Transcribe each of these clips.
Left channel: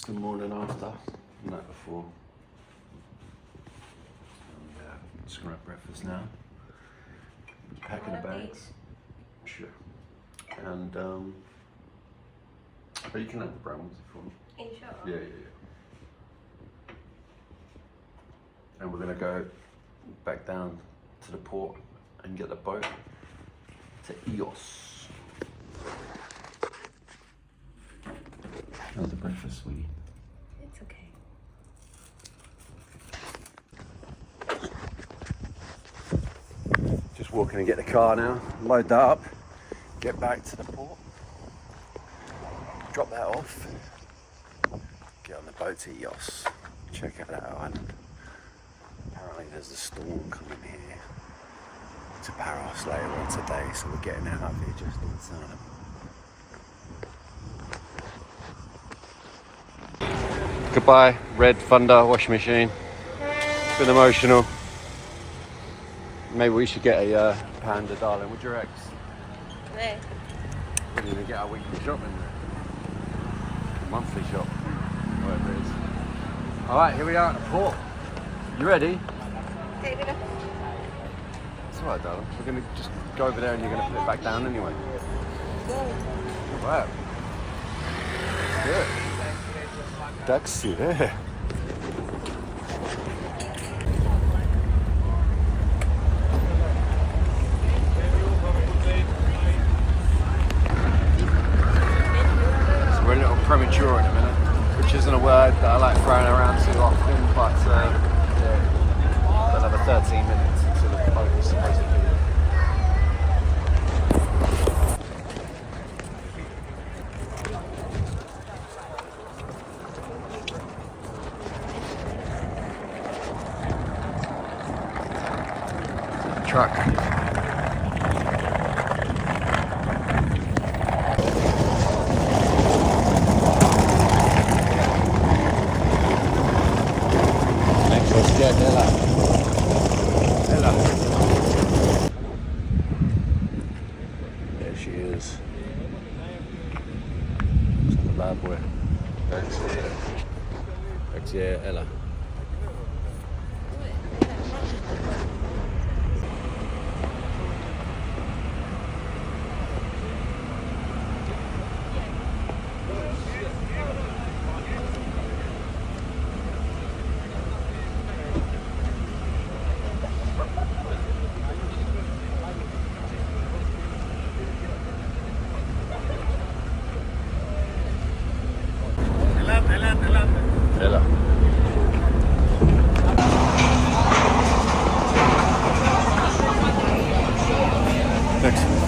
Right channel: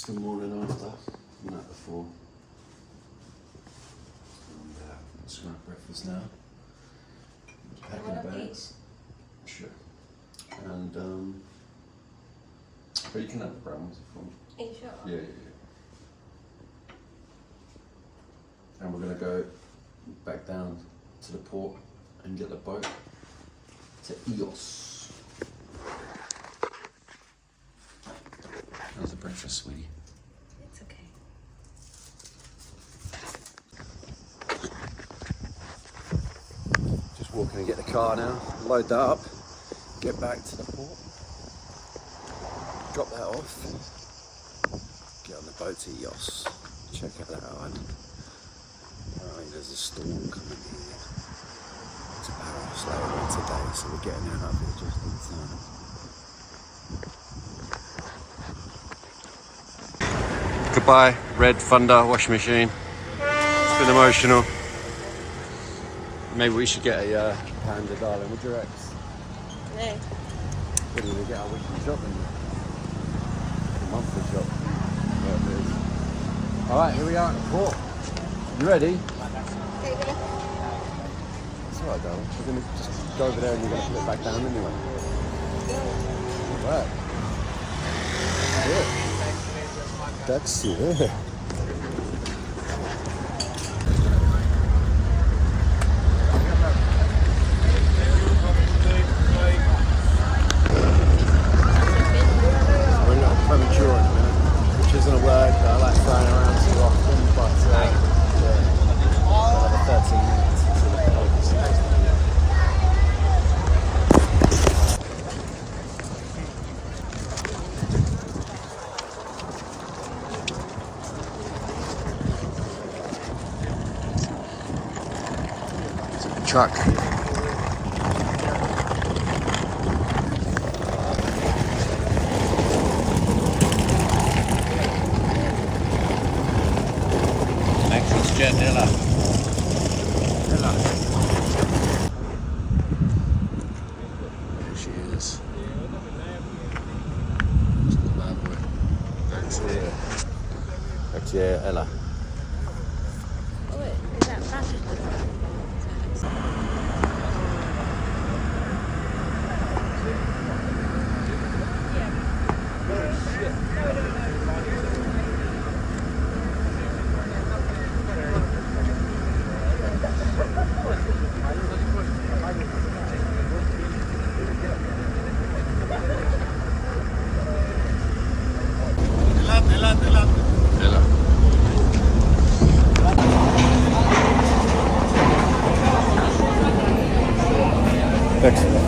It's the morning after, the night before. And just gonna have breakfast now. Packing the bags. Sure. And but you can have the brown ones if you want. Are you sure? Yeah. And we're gonna go back down to the port and get the boat to Eos. How's the breakfast, sweetie? It's okay. Just walking to get the car now, load that up, get back to the port, drop that off, get on the boat to Eos, check out that island. Apparently there's a storm coming here to Paros later on today, so we're getting out of here just in time. Goodbye, red Thunder washing machine. It's been emotional. Maybe we should get a Panda, darling. What do you reckon? Where? We're going to get our weekly shopping there. A monthly shop. Whatever it is. Alright, here we are at the port. You ready? Take it up. It's alright, darling. We're going to just go over there and you're going to put it back down anyway. Wow. Good. Taxi, eh? Premature in a minute, which isn't a word that I like throwing around too often, but yeah, they'll have a 13 minutes until the boat is supposed to be. Truck. Naxos jet, Ella. There she is. Bad boy. That's it. That's it, Ella. Ella. Excellent.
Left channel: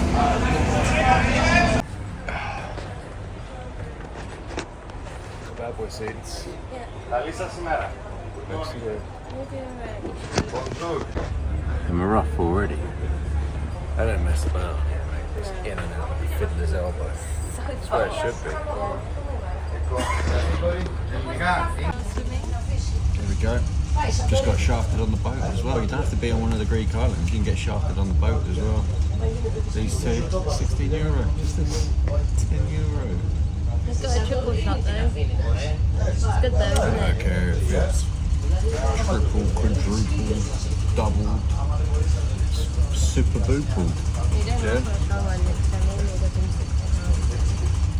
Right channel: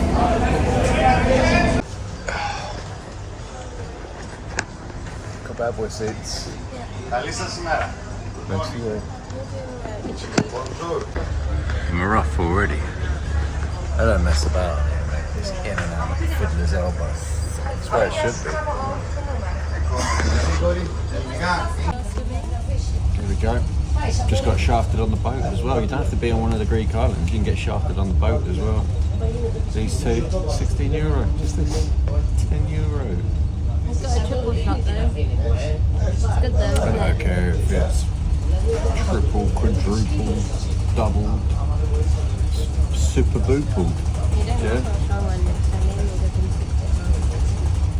Got bad boy seats. Let's see it. I'm rough already. I don't mess about. It's in and out of the fiddler's elbow. That's where it should be. There we go. Just got shafted on the boat as well. You don't have to be on one of the Greek islands. You can get shafted on the boat as well. These two, €16. Just this, €10. It's got a triple shot though. It's good though, isn't I don't care if it's triple, quadruple, double, super boople. Yeah.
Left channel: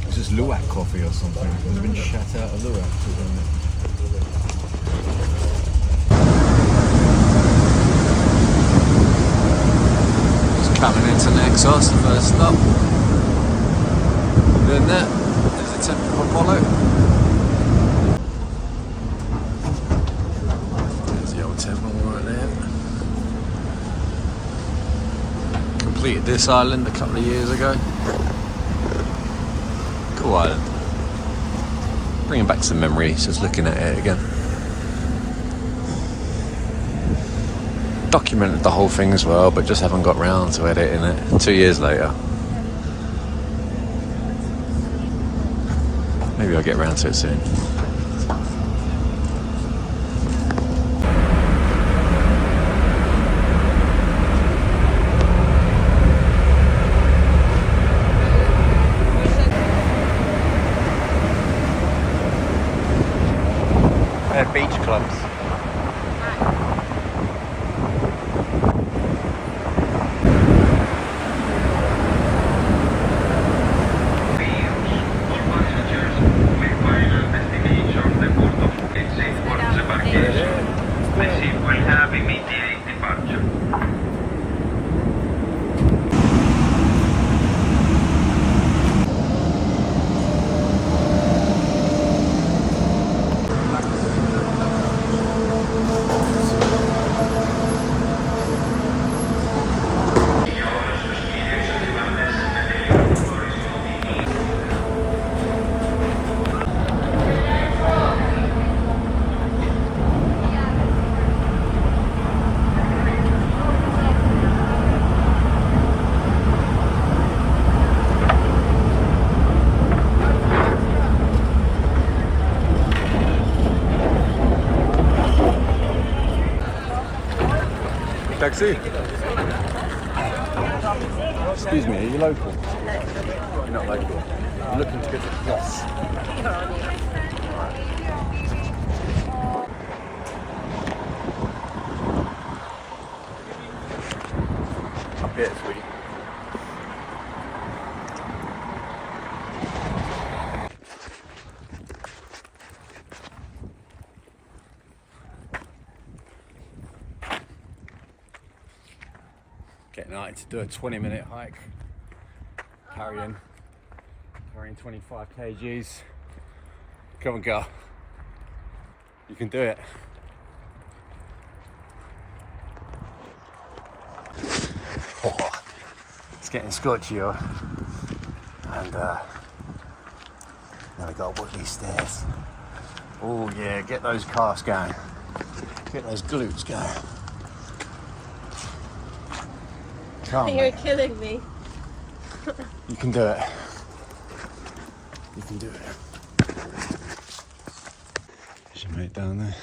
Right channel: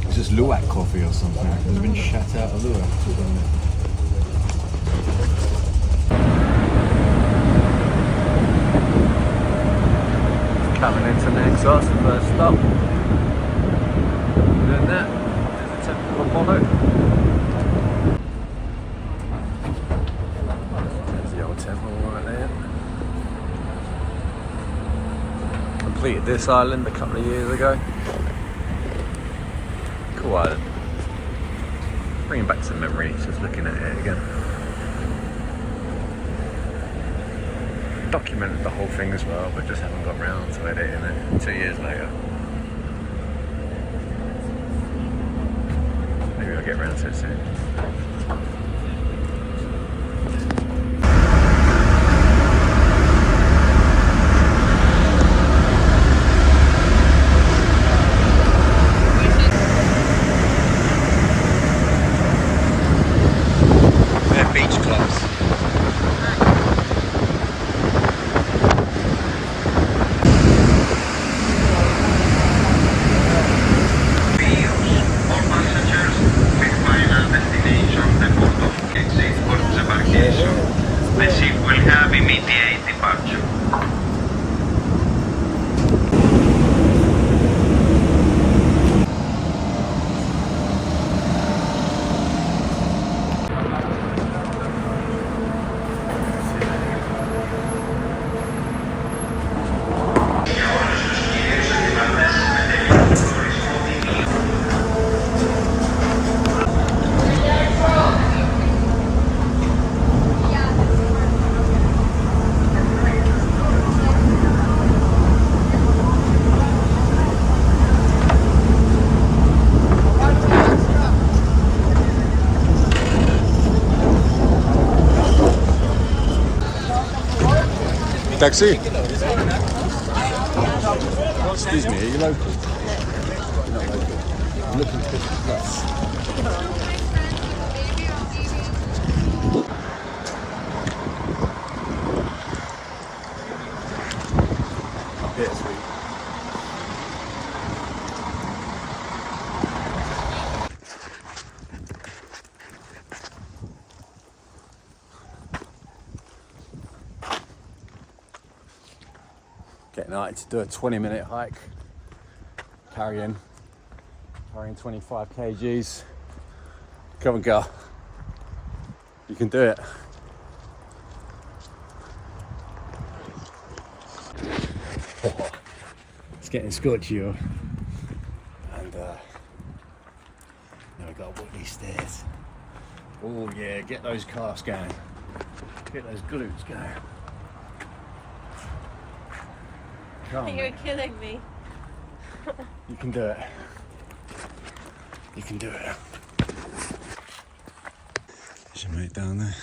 It's just Luwak coffee or something. It's been shat out of Luwak. Just coming into Naxos, the first stop. Doing that. There's a temple of Apollo. There's the old temple right there. Completed this island a couple of years ago. Cool island. Bringing back some memories, just looking at it again. Documented the whole thing as well, but just haven't got round to editing it 2 years later. Maybe I'll get round to it soon. Taxi? Excuse me, are you local? You're not local. I'm looking to get to Yoss. Up here, sweetie. Getting out to do a 20-minute hike, carrying 25 kgs. Come on, girl. You can do it. It's getting scorchy, and now we got to walk these stairs. Oh yeah, get those calves going. Get those glutes going. You're killing me. You can do it. You can do it. There's your mate down there.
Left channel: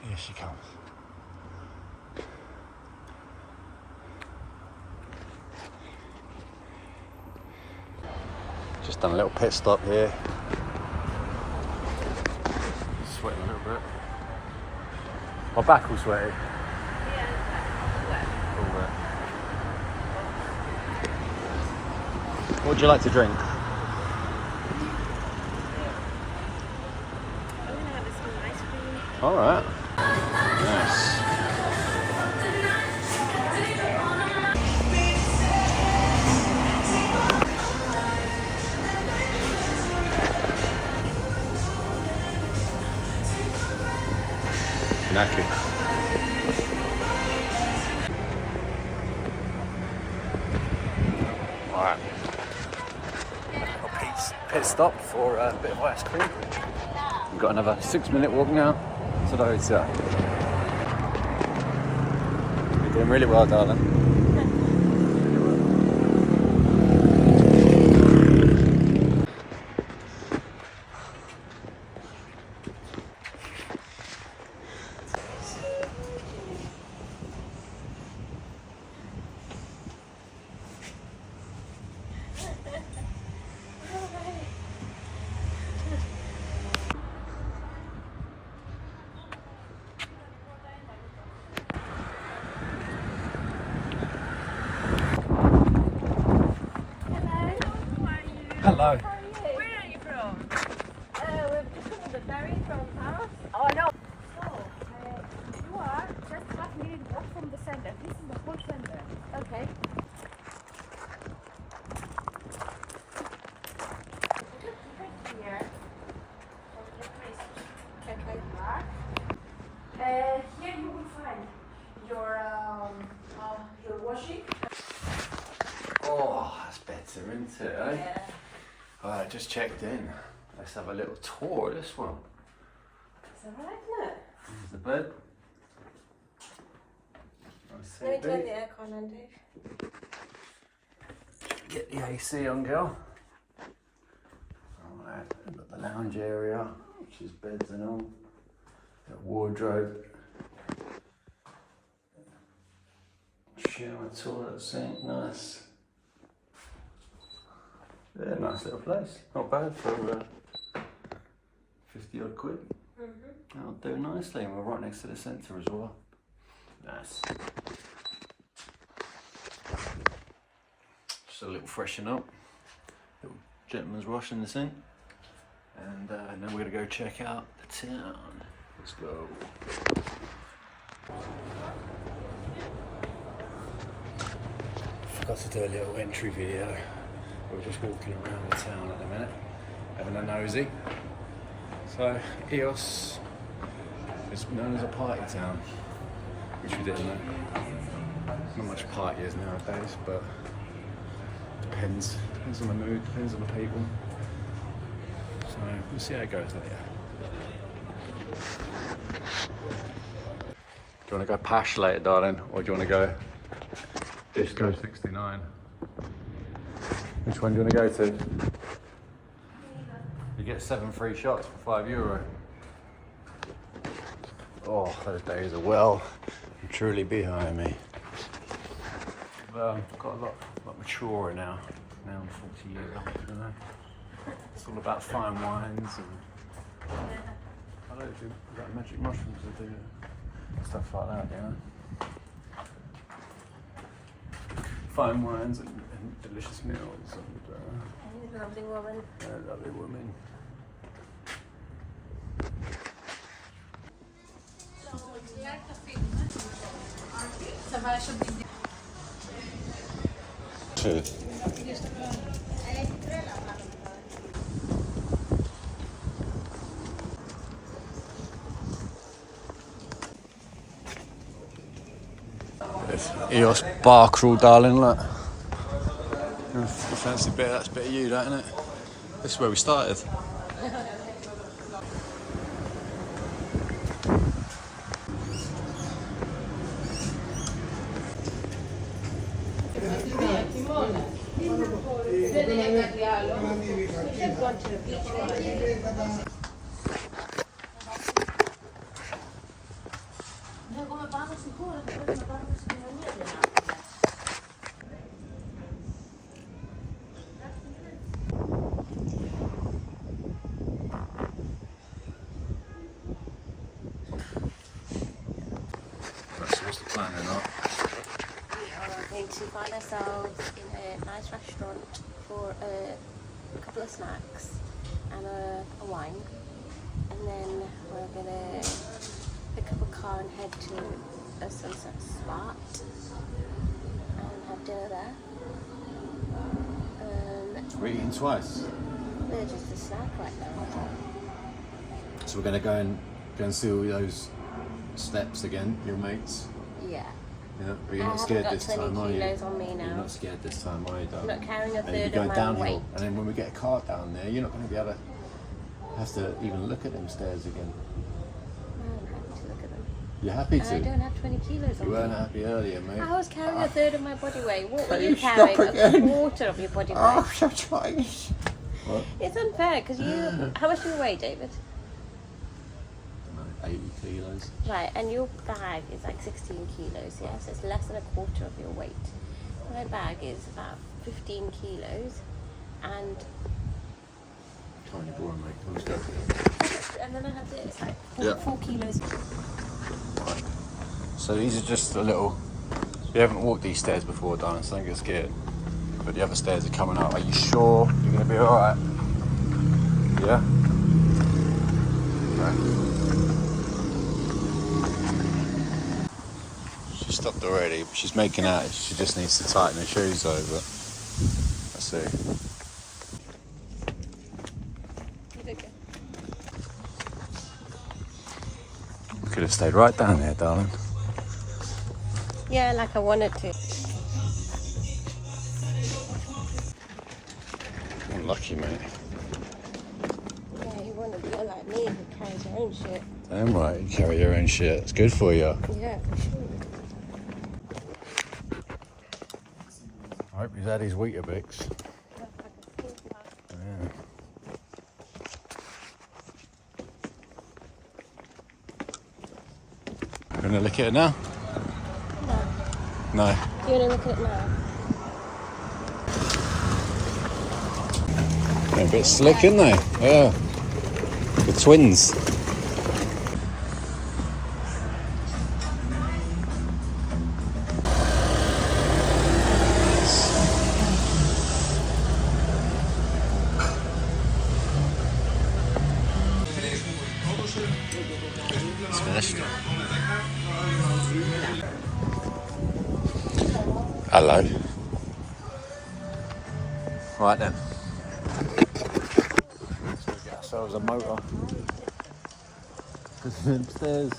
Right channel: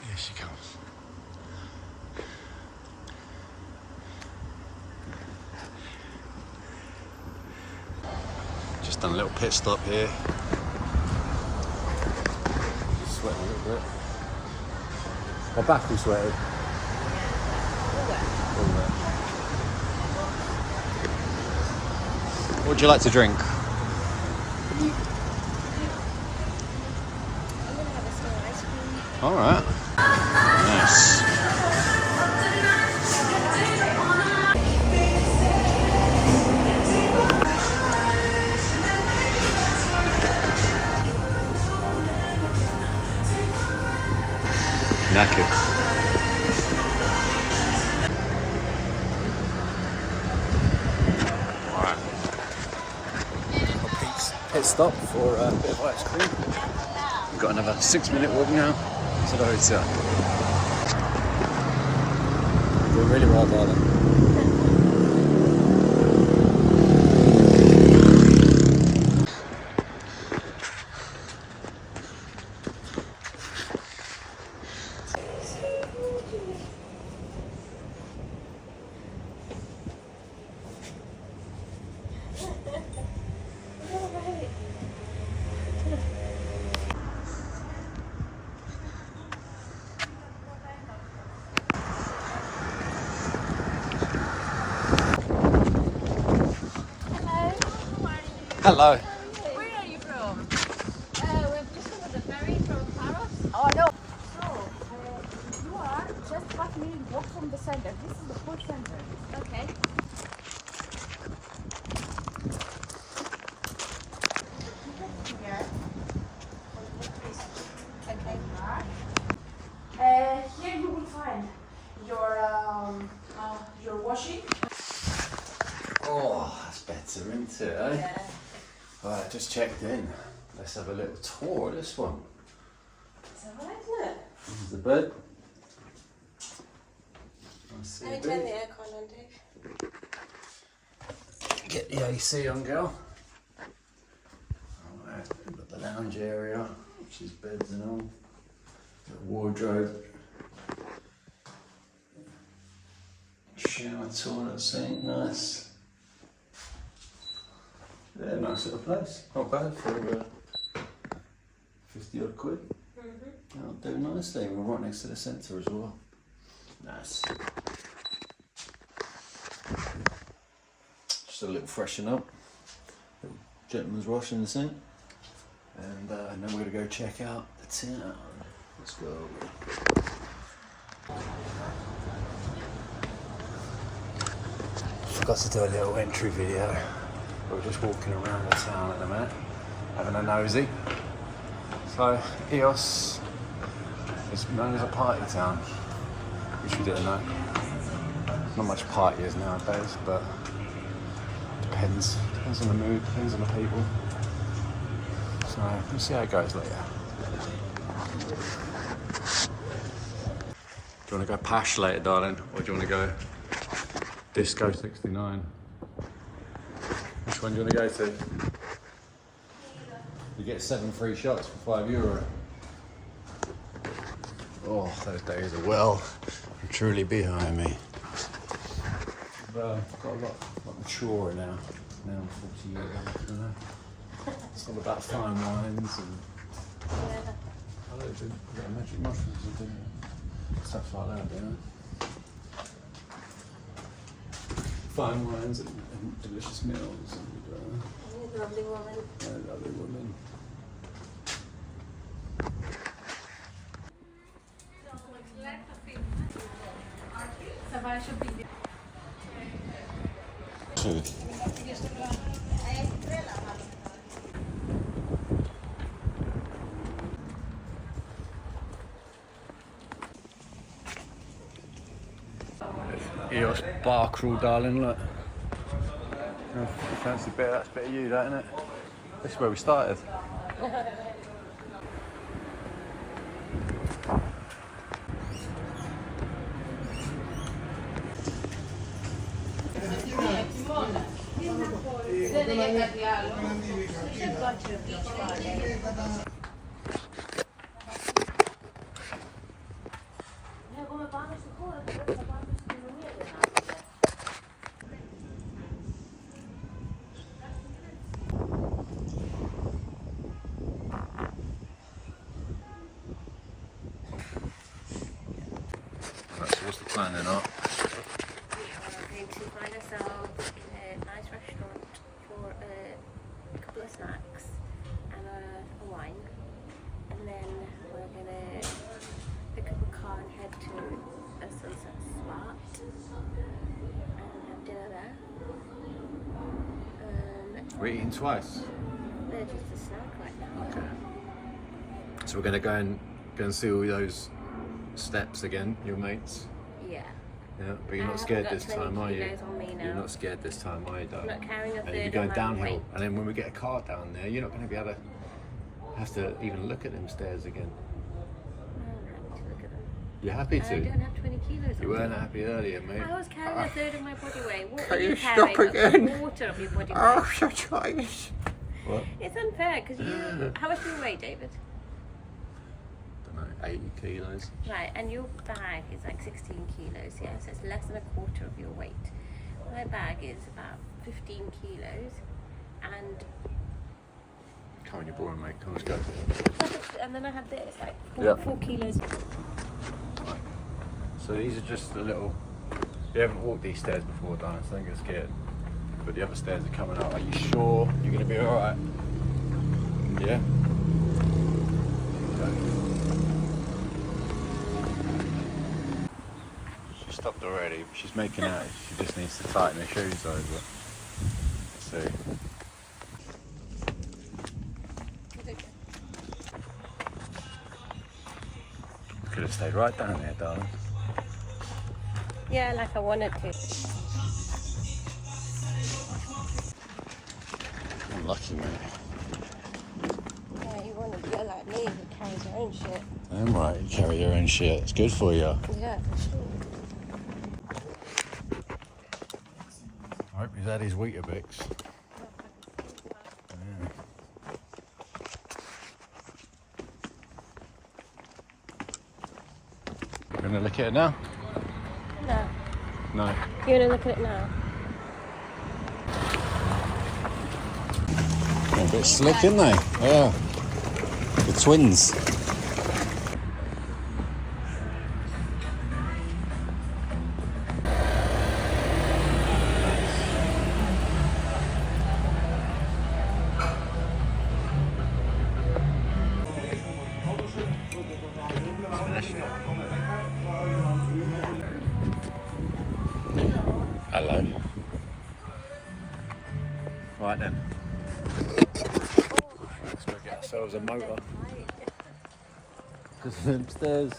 Here she comes. Just done a little pit stop here. Sweating a little bit. My back all sweaty. All wet. What would you like to drink? I'm gonna have a small ice cream. All right. Nice. Knackered. Alright. Pit stop for a bit of ice cream. We've got another 6-minute walk now to the hotel. Doing really well, darling. Hello. Where are you from? We're just on the ferry from Paros. Oh no. So, you are just 5 minutes walk from the center. This is the whole center. Okay. Here you will find your washing. Oh, that's better, isn't it? Eh? Yeah. Alright, just checked in. Let's have a little tour of this one. Is that right? Yeah. This is the bed. Let me turn the aircon on, Dave. Get the AC on, girl. Alright, we've got the lounge area, which is beds and all. Got wardrobe. Shower, toilet, sink, nice. Yeah, nice little place. Not bad for 50 odd quid. That'll do nicely. We're right next to the centre as well. Nice. Just a little freshen up. Little gentleman's wash in the sink. And then we're going to go check out the town. Let's go. Forgot to do a little entry video. We're just walking around the town at the minute, having a nosy. So, Eos is known as a party town, which we didn't know. Not much partyers nowadays, but depends. Depends on the mood, depends on the people. So, we'll see how it goes later. you want to go Pash later, darling, or do you want to go Disco 69? Which one do you want to go to? You get 7 free shots for €5. Oh, those days are well and truly behind me. I've got a lot maturer now. Now I'm 40 years old, you know. It's all about fine wines and I like to magic mushrooms or dinner. Stuff like that, you know. Fine wines and delicious meals and Lovely woman. lovely women. Two. Eos bar crawl, darling, look. Fancy bit, that's a bit of you, that, isn't it? This is where we started. What's the plan then, We are going to find ourselves in a nice restaurant for a couple of snacks and a wine, and then we're going to pick up a car and head to a sunset spot and have dinner there. We're eating twice. They're just a snack right now. Okay. So we're going to go and see all those steps again, your mates. Yeah. Yeah, but you're I not scared haven't this got 20 time, are you? kilos on me now. You're not scared this time, are you, darling? I'm not carrying a And you'll be third going of my downhill, weight. and then when we get a car down there, you're not going to be able to have to even look at them stairs again. I don't have to look at them. You're happy I to? don't have 20 kilos on You weren't me. happy earlier, mate. I was carrying a third of my body weight. What were Can you you carrying? stop again? A quarter of your body weight. Oh, shut your eyes. What? It's unfair because you. How much do you weigh, David? I don't know, 80 kilos. Right, and your bag is like 16 kilos, yeah? So it's less than a quarter of your weight. My bag is 15 kilos, and Come on, you're boring, mate. Come on, let's go. then I have this, like 4 Yep. kilos. Right. So these are just a little. You haven't walked these stairs before, darling, so don't get scared. But the other stairs are coming up. Are you sure you're going to be alright? Yeah? Okay. She stopped already, but she's making out. She just needs to tighten her shoes over. Let's see. Could have stayed right down there, darling. Yeah, like I wanted to. Unlucky, mate. Yeah, you want to be like me who carries her own shit. Damn right, you carry your own shit. It's good for you. Yeah, for sure. I hope he's had his Weetabix. Yeah. You gonna look at it now? No. No. You want to look at it now? They're a bit slick, aren't they? Yeah. The twins. Smashed. Hello. Right then. Let's go get ourselves a motor. Because them stairs.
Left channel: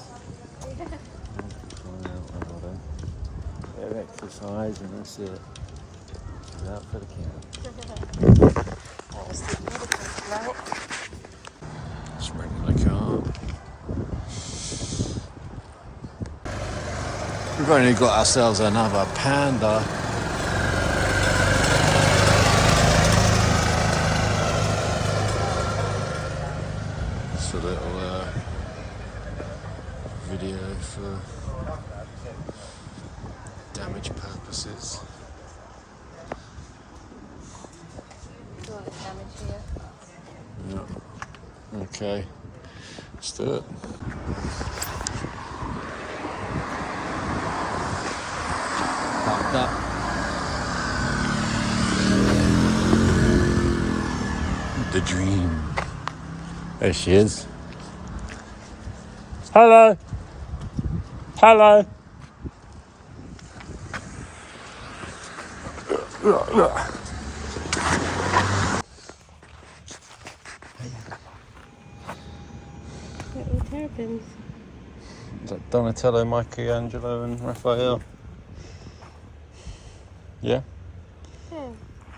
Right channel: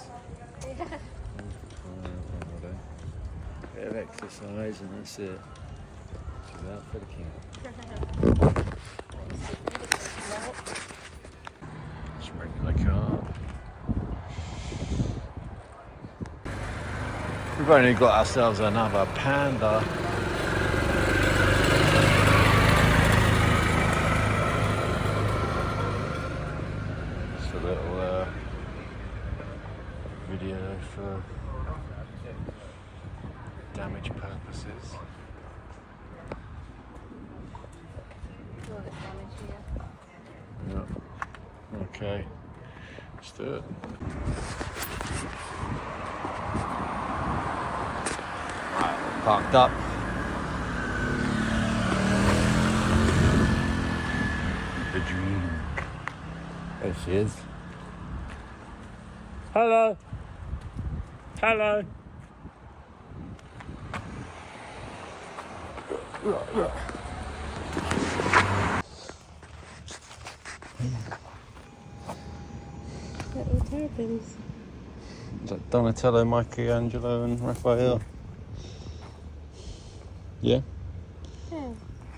Bit of exercise and that's it. She's out for the camp. Just ready to the car. We've only got ourselves another Panda. Just a little video for damage purposes. Yeah. Okay. Let's do it. Parked up. The dream. There she is. Hello. Hello. Little terrapins. Is that Donatello, Michelangelo and Raphael? Yeah?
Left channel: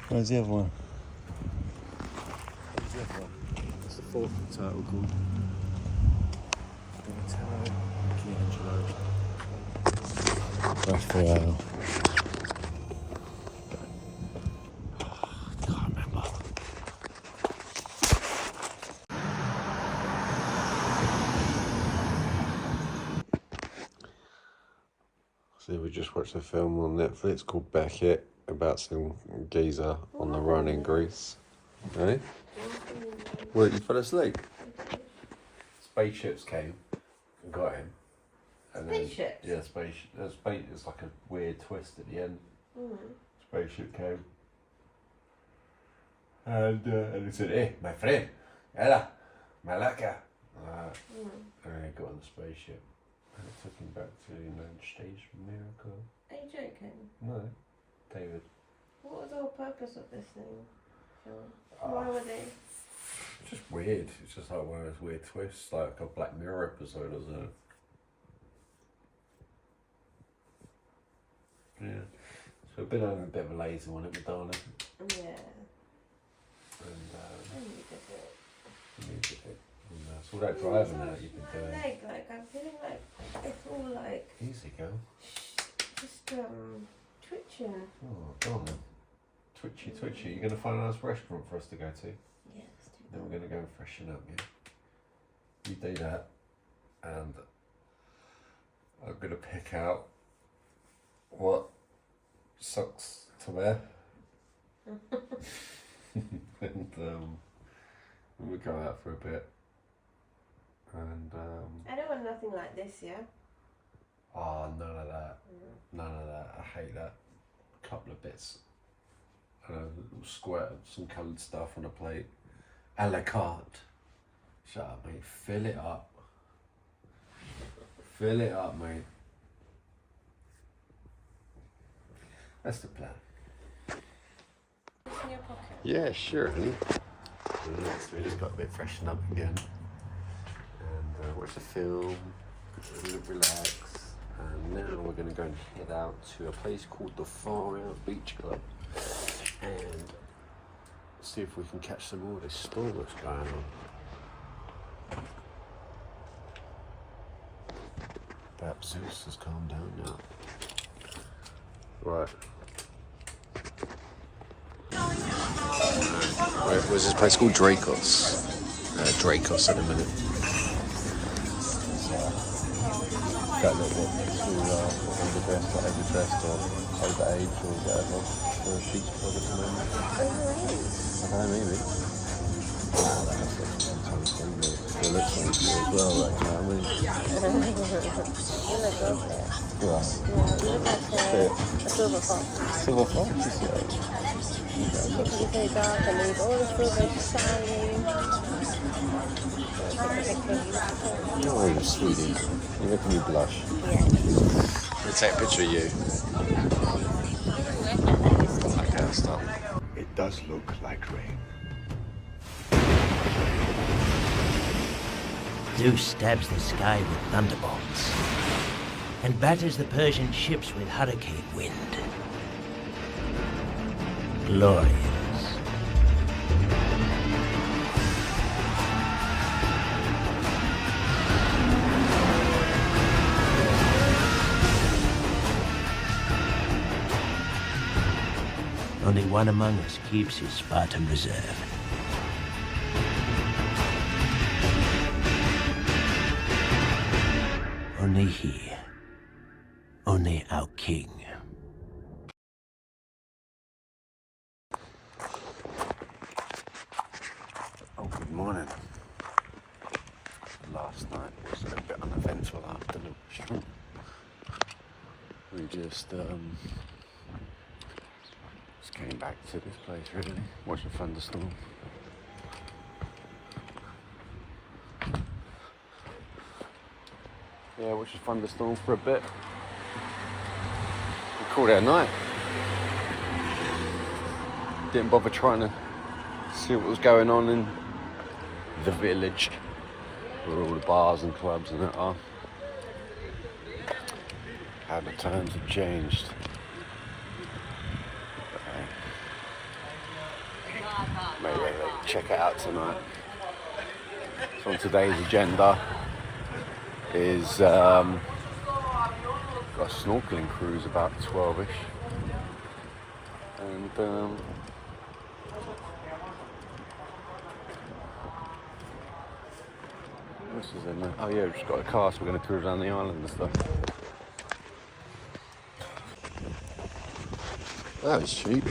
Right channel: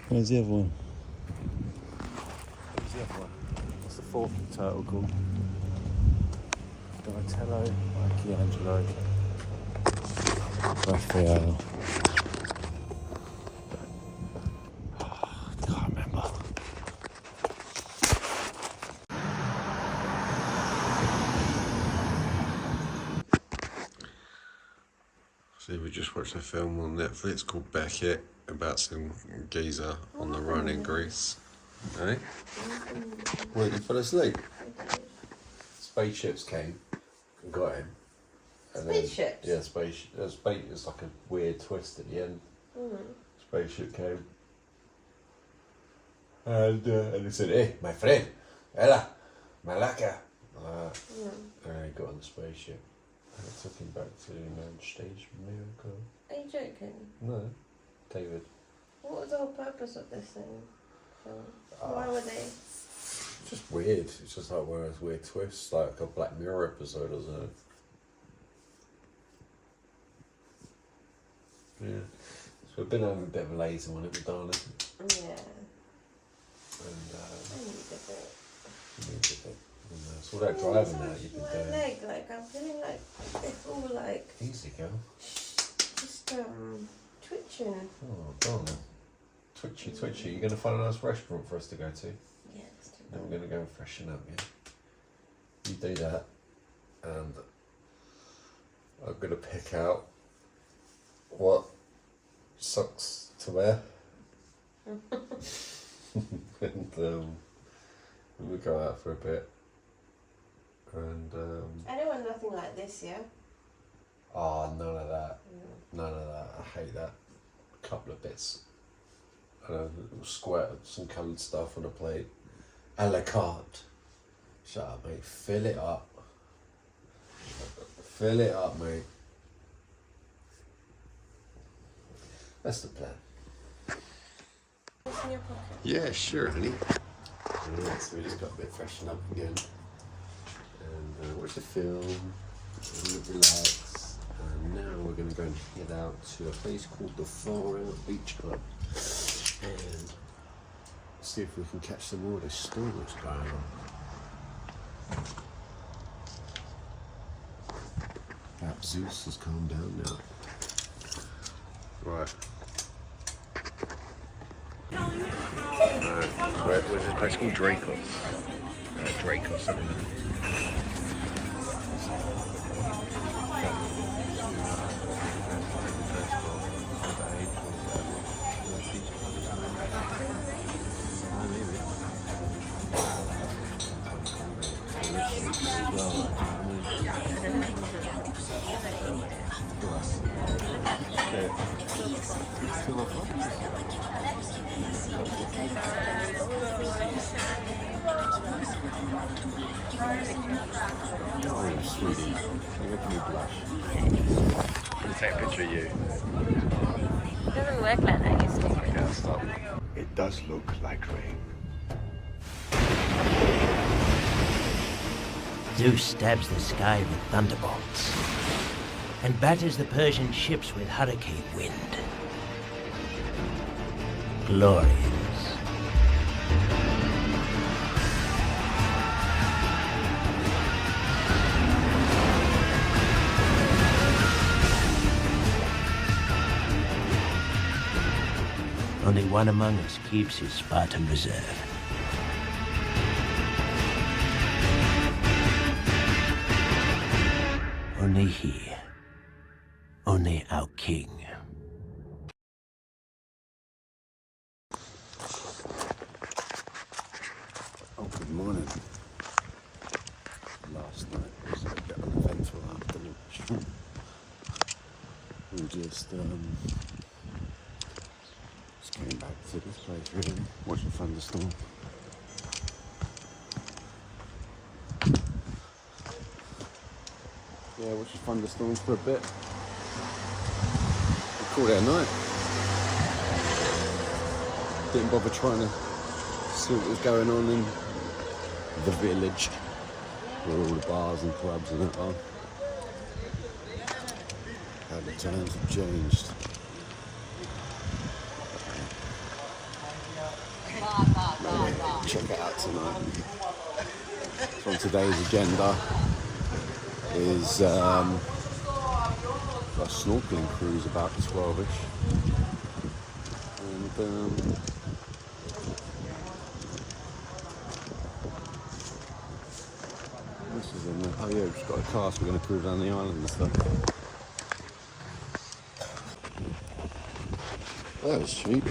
Where's the other one? Where's the other one? What's the fourth turtle called? Donatello, Michelangelo, Raphael. Can't remember. So we just watched a film on Netflix called Beckett about some geezer on the run in Greece. Eh? What, you fell asleep? Spaceships came and got him. And Spaceships? Then, yeah, it's like a weird twist at the end. Spaceship came. And he said, "Hey, my friend, Ella, Malaka." And he got on the spaceship. And it took him back to the United States of America. Are you joking? No, David. What was the whole purpose of this thing? Why were they? Just weird. It's just like one of those weird twists, like a Black Mirror episode, isn't it? Yeah. So we've been having a bit of a lazy one, haven't we, darling? Yeah. And I needed it. you needed it. And, it's all that driving that you've been my doing. leg, like I'm feeling like it's all like Easy, girl. just twitching. Oh, darling. Twitchy. You're going to find a nice restaurant for us to go to? Yeah, let's do Then that. we're going to go and freshen up, yeah? You do that, and I'm going to pick out what socks to wear. And we'll go out for a bit. And I don't want nothing like this, yeah? oh, none of that. None of that. I hate that. A couple of bits. Squirt some coloured stuff on a plate. A la carte. Shut up, mate. Fill it up. Fill it up, mate. That's the plan. What's in your pocket? Yeah, sure, honey. Yeah, so we just got a bit freshened up again. And watch the film, relax. And now we're going to go and head out to a place called the Far Out Beach Club. And see if we can catch some more of the storm that's going on. Perhaps Zeus has calmed down now. Right. Where's this place called? Dracos. Dracos in a minute. That little bit to the best that over test or over age or whatever. Or a beach club at the moment. Oh, maybe. It looks like you as well right now. I mean, You look okay. yeah. Yeah, you look like a silver fox. Silver fox is good. Because it's very dark and there's all the silver shining. Oh, sweetie. You're making me blush. Yeah. Let's take a picture of you. It doesn't work like that, you see. Okay, I'll stop. It does look like rain. Zeus stabs the sky with thunderbolts and batters the Persian ships with hurricane wind. Glorious. Only one among us keeps his Spartan reserve. Only he. Only our king. Oh, good morning. Last night was a bit uneventful afternoon. We just came back to this place really, watched a thunderstorm. Yeah, watched a thunderstorm for a bit. We called it a night. Didn't bother trying to see what was going on in the village, where all the bars and clubs and that are. How the times have changed. Maybe check it out tonight. So on today's agenda is a snorkelling cruise about 12ish. And this is in there. Oh yeah, we've just got a car, so we're going to cruise around the island and stuff. That is cheap.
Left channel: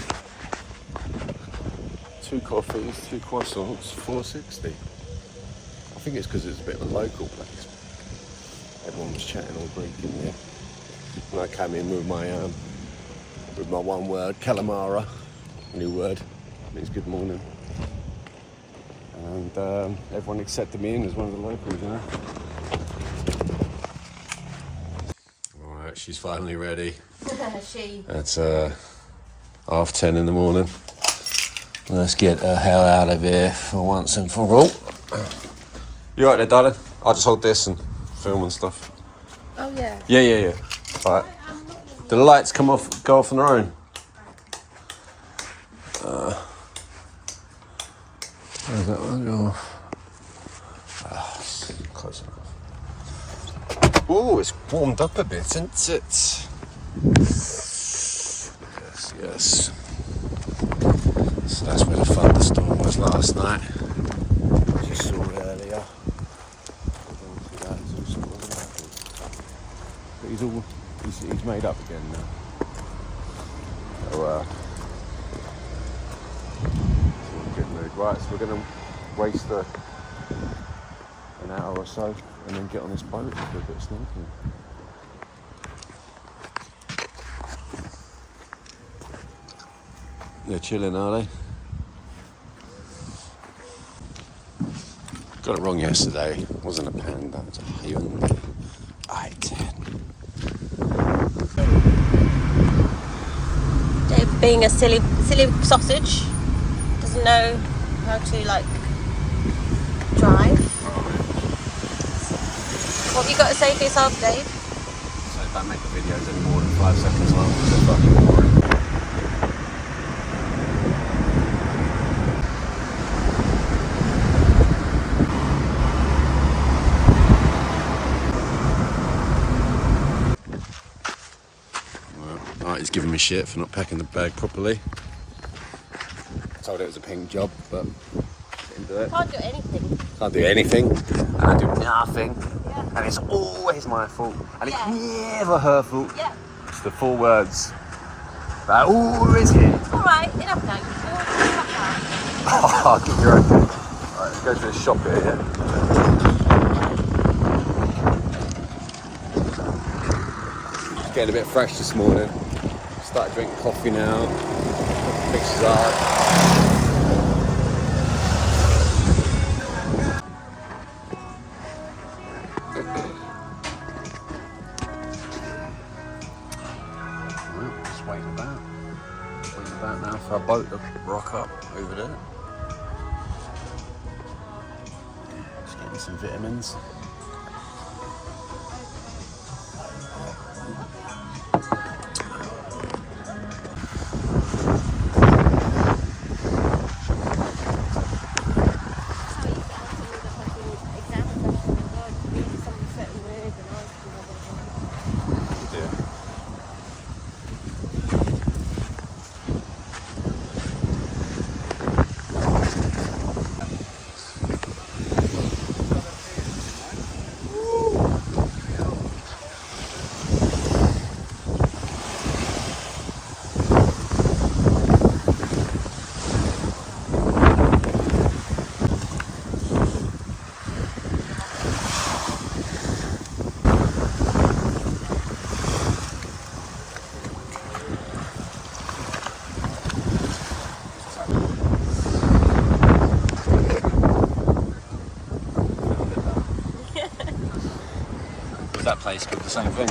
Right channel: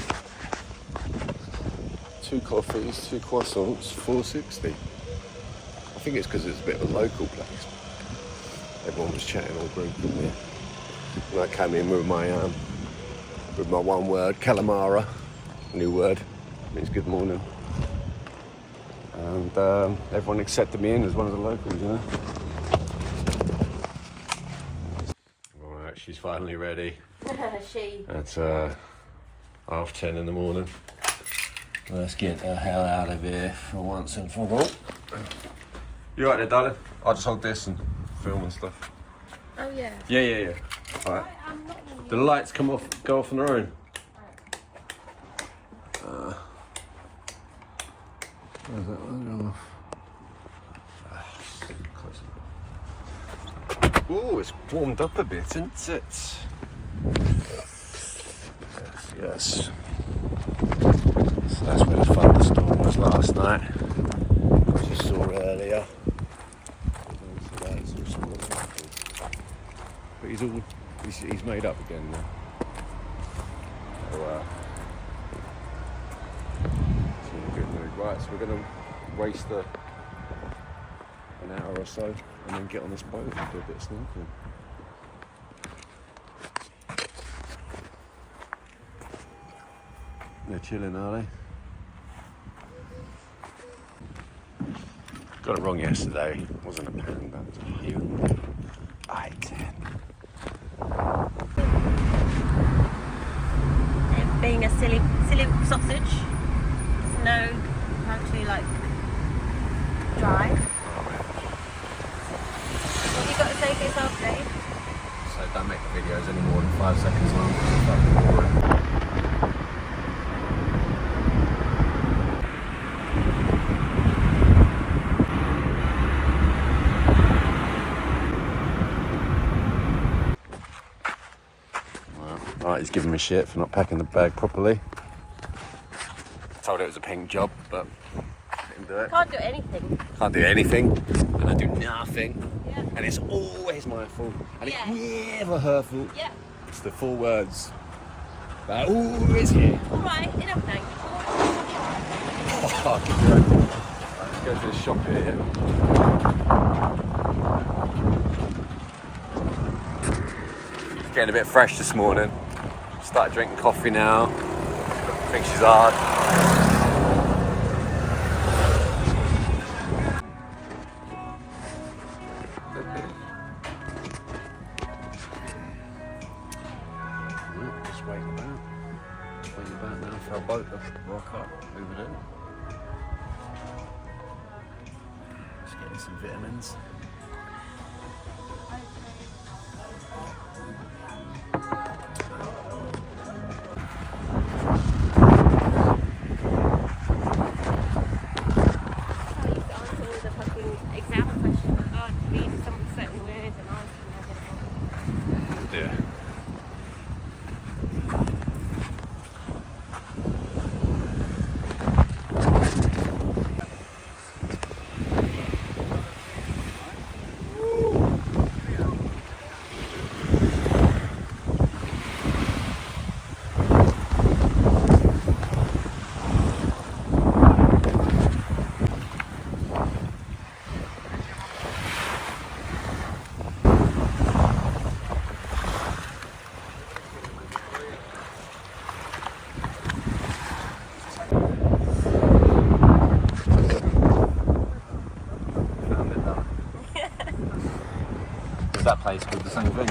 2 coffees, 2 croissants, $4.60. I think it's because it's a bit of a local place. Everyone was chatting all Greek in there. And I came in with my one word, calamara, new word, means good morning. And everyone accepted me in as one of the locals, you know. Alright, she's finally ready. It's 10:30 in the morning. Let's get the hell out of here for once and for all. You alright there, darling? I'll just hold this and film and stuff. Oh yeah. Yeah. Alright. Do the lights go off on their own? Where's that one go off? Close enough. Oh, it's warmed up a bit, isn't it? Yes. So that's where the thunderstorm was last night, which you saw earlier. But he's made up again now. So it's in a good mood. Right, so we're going to waste an hour or so and then get on this boat and do a bit of snorkeling. They're chilling, are they? Got it wrong yesterday. It wasn't a Panda, it was a Hyundai i10. Dave, being a silly sausage, doesn't know how to drive. What have you got to say for yourself, Dave? So don't make the videos any more than 5 seconds long, because they're fucking boring. Right, he's giving me shit for not packing the bag properly. Told it was a pink job, but didn't do it. Can't do anything. Can't do anything, and I do nothing, and it's always my fault, and it's never her fault. Yeah. It's the 4 words that always here. Alright, enough now. Oh, get your own. Right, let's go to the shop here, yeah? Getting a bit fresh this morning. Started drinking coffee now. I think she's hard. Well, just waiting about. Waiting about now for our boat to rock up over there. Just getting some vitamins. basically the same thing.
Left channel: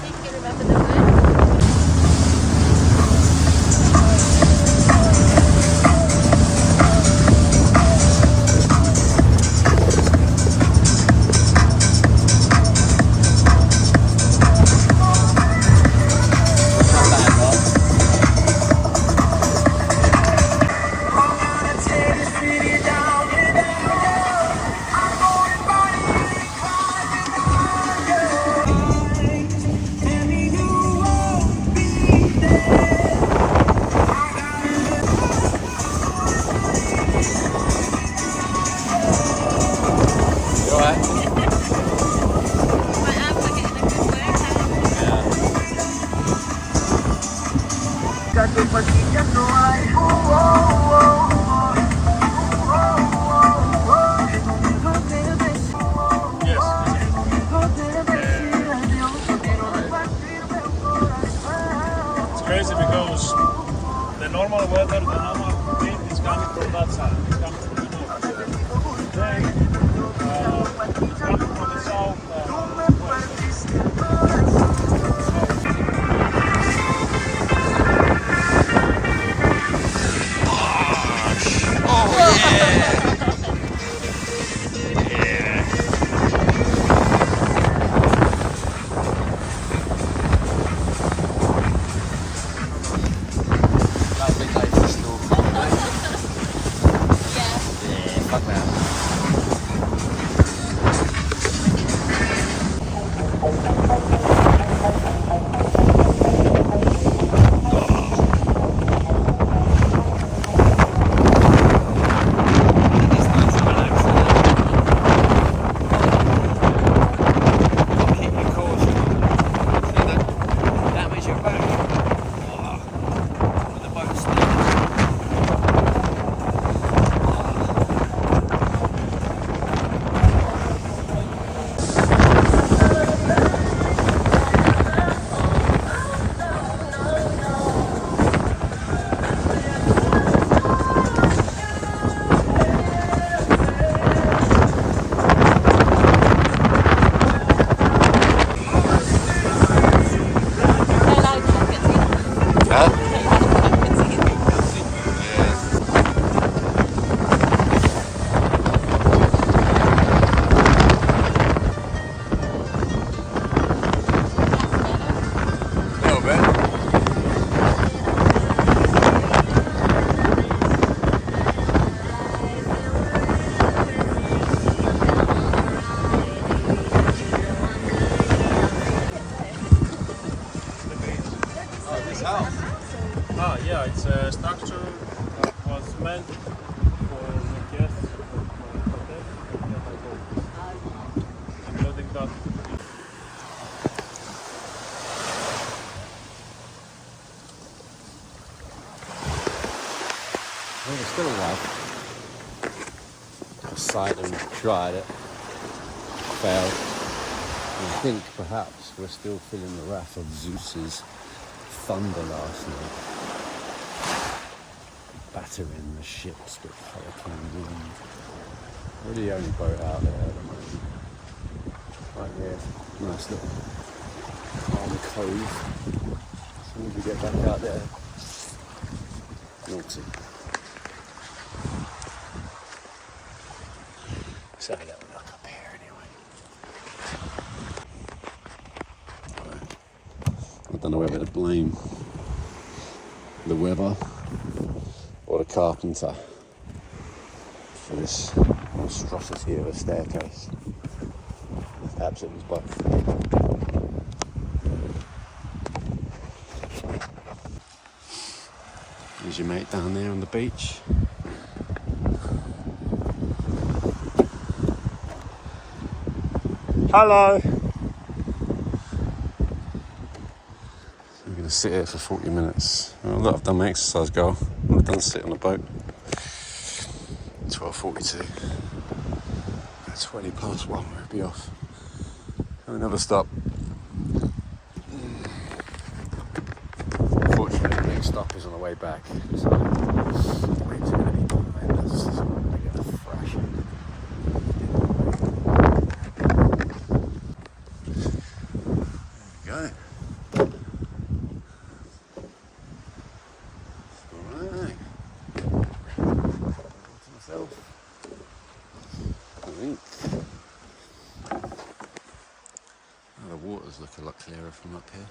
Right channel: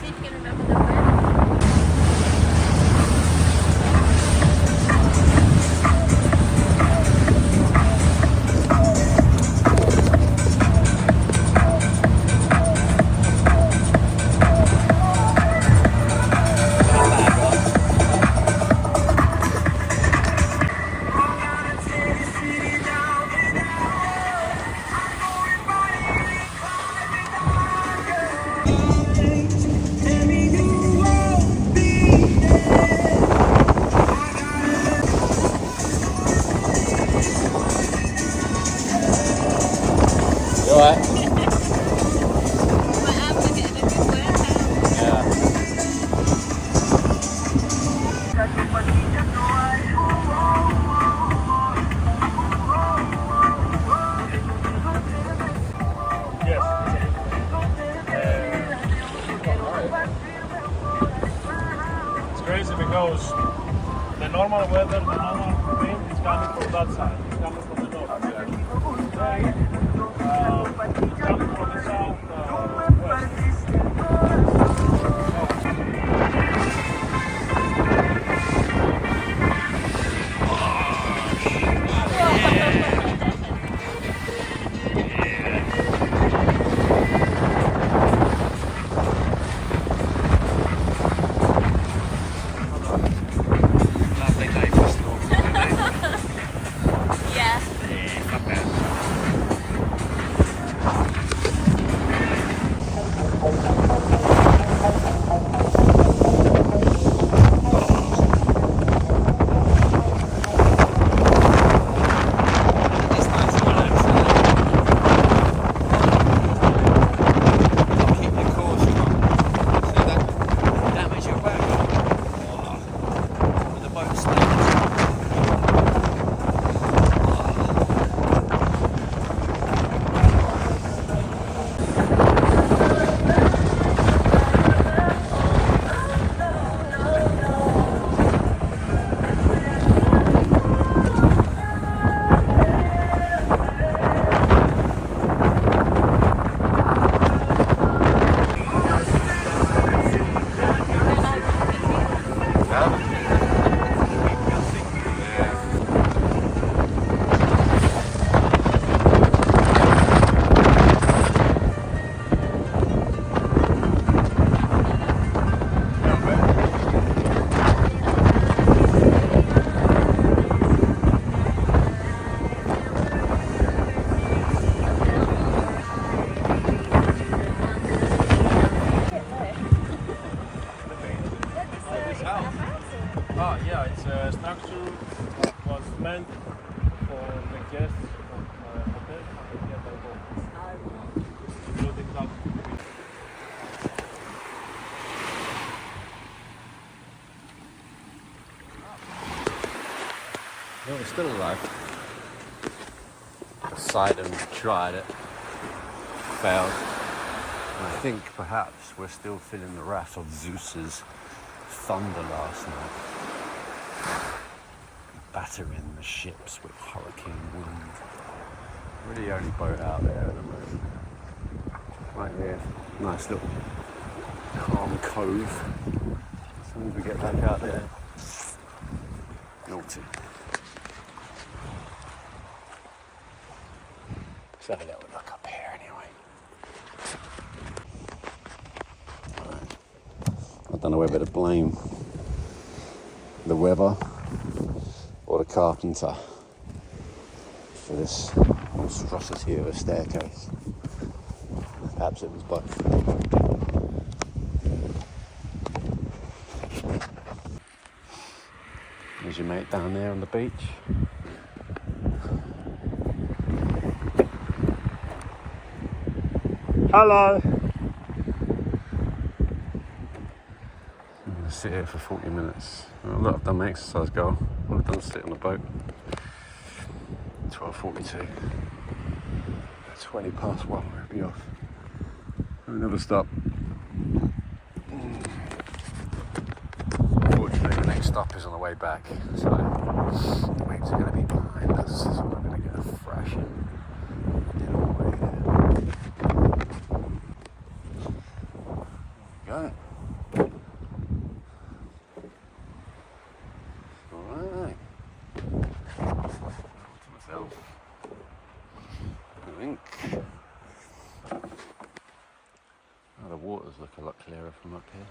See if you can remember the name. Not bad, right? You alright? My abs are getting a good workout. Yeah. It's crazy because the normal weather, the normal wind is coming from that side. It's coming from the north. Today, it's coming from the south west. Lovely day for snorkeling, eh? Yeah. Yeah, fuck that. It's nice and relaxing, eh? Keep your caution on. So you don't damage your back. Oh, when the boat stinks. Huh? Yeah. A little bit. Oh yeah, it's a structure that was meant for guests of hotel nearby boat, including that. Well, it's still alive. Poseidon tried it, failed. And I think perhaps we're still feeling the wrath of Zeus's thunder last night. Battering the ships with hurricane wind. We're the only boat out there at the moment. Right here, nice little calm cove. As soon as we get back out there, naughty. Let's have a little look up here anyway. Right. I don't know whether to blame the weather or the carpenter for this monstrosity of a staircase. Perhaps it was both. There's your mate down there on the beach. Hello! I'm going to sit here for 40 minutes. Oh, look, I've done my exercise goal. All I've done is sit on the boat. 12:42. 20 past 1, we'll be off. We'll never stop. Unfortunately, the next stop is on the way back. So waves are going to be behind us, so we're going to get a thrashing. There we go. Alright. All to myself. I think. Oh, the waters look a lot clearer from up here.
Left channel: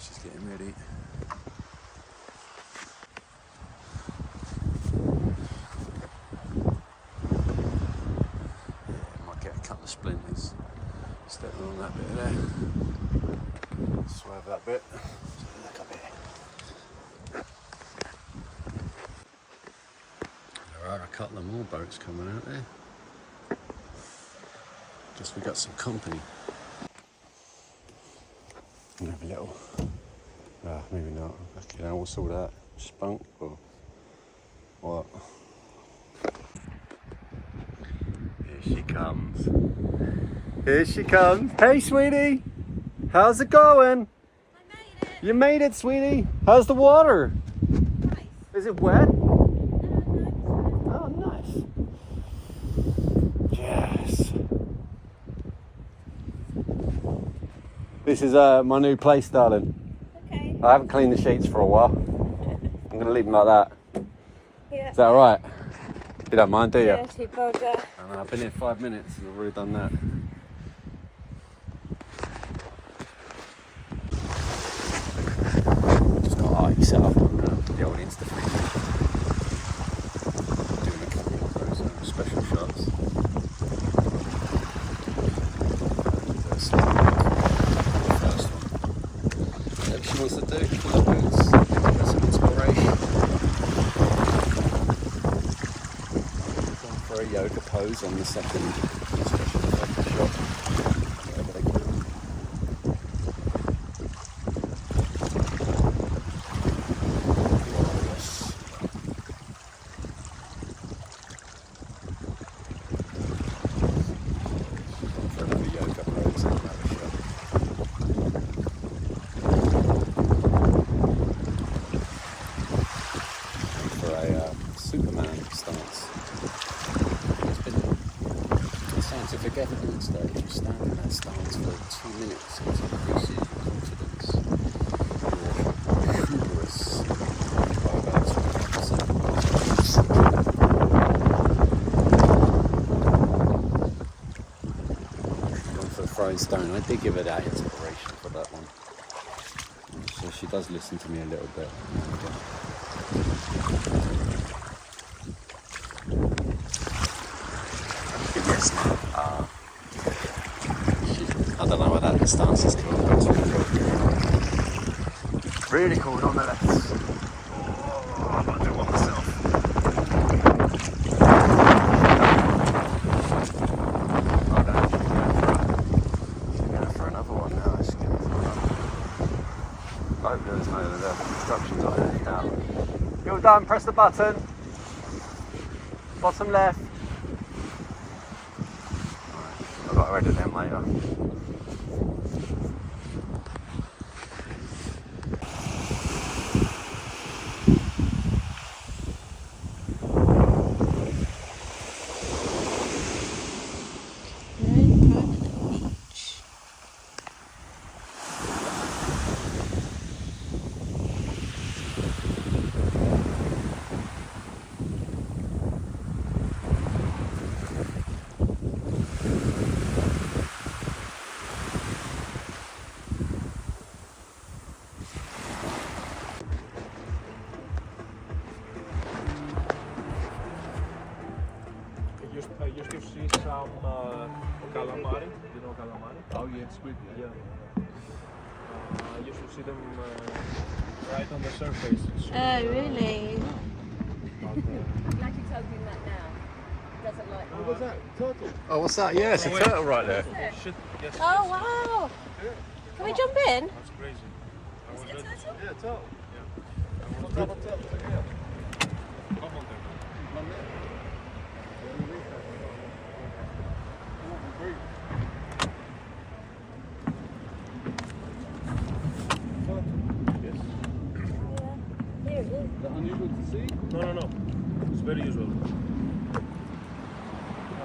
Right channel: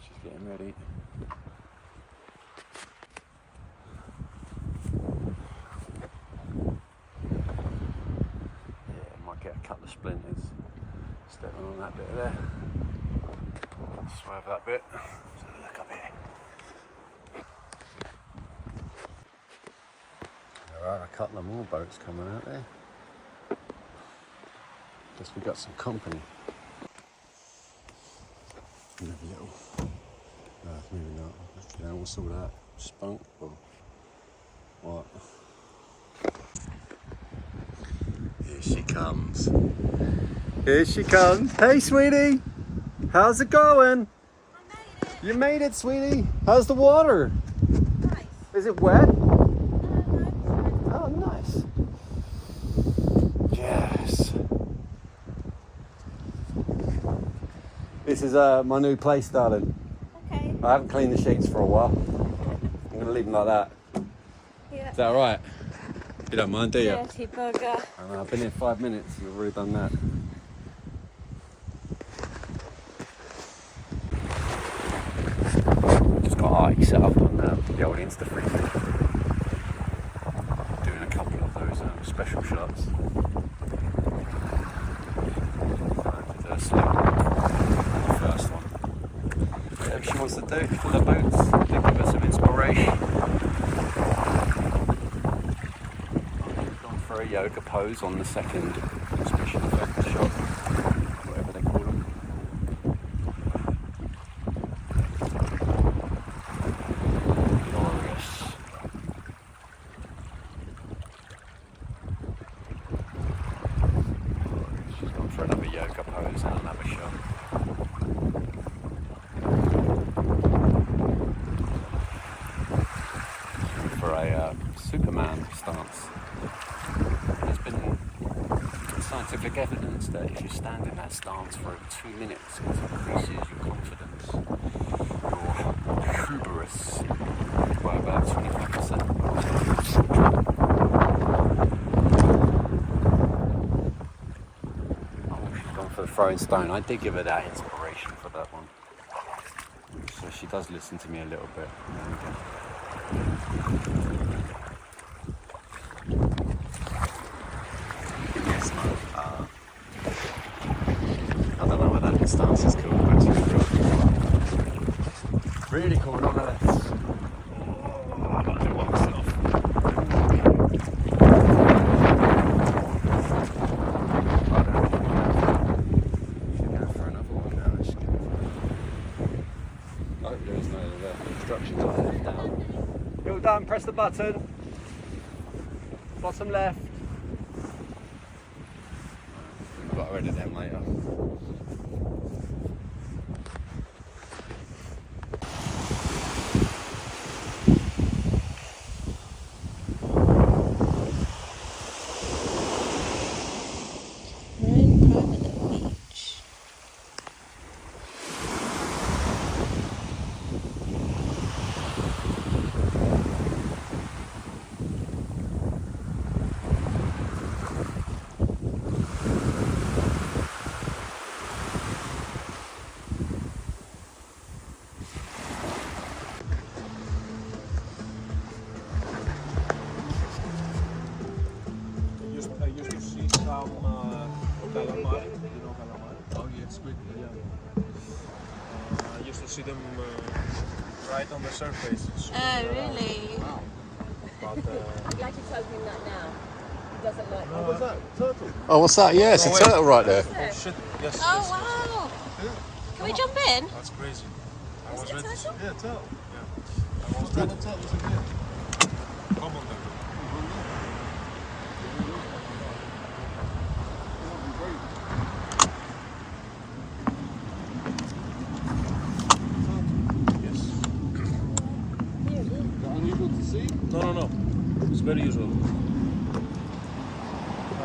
She's getting ready. Yeah, might get a couple of splinters stepping on that bit there. Swerve that bit. Let's have a look up here. There are a couple of more boats coming out there. Guess we got some company. Maybe a little. Maybe not. You know, what's all that? Spunk or what? Here she comes. Here she comes. Hey, sweetie. How's it going? I made it. You made it, sweetie. How's the water? Nice. Is it wet? No. Oh, nice. Yes. This is my new place, darling. Okay. I haven't cleaned the sheets for a while. I'm going to leave them like that. Yeah. Is that alright? You don't mind, do you? Dirty bugger. I know, I've been here 5 minutes and I've already done that. Just got Ike set up on the old Insta-Freeze. Doing a couple of those special shots. And the first one. Whatever she wants to do for the boats, they give her some inspiration. Gone for a yoga pose on the second special effect shot, whatever they call them. Glorious. She's gone for another yoga pose and another shot. For a Superman stance. There's been scientific evidence that if you stand in that stance for 2 minutes, it increases your confidence, your hubris by about 25%. She's gone for the throwing stone. I did give her that inspiration for that one. So she does listen to me a little bit now and again. Give me a smile. I don't know what that stance is called, but it's really cool, not that. Oh, I might do one myself. For another one now, actually. I hope there is no instructions on it. Down. You're done, press the button. Bottom left. I've got to edit them later. I used to see some calamari, you know calamari? Oh yeah, it's good. Yeah. I used to see them right on the surface. It's Oh, really? but, I'm glad you told him that now. He doesn't like What was that? Turtle? Oh, what's that? Yeah, it's a turtle right there. shit, yes, Oh, wow. Can we jump in? that's crazy. I was ready. Yeah, turtle. Yeah. What type of turtles are here? Come on, then. One there. Yes. very usual.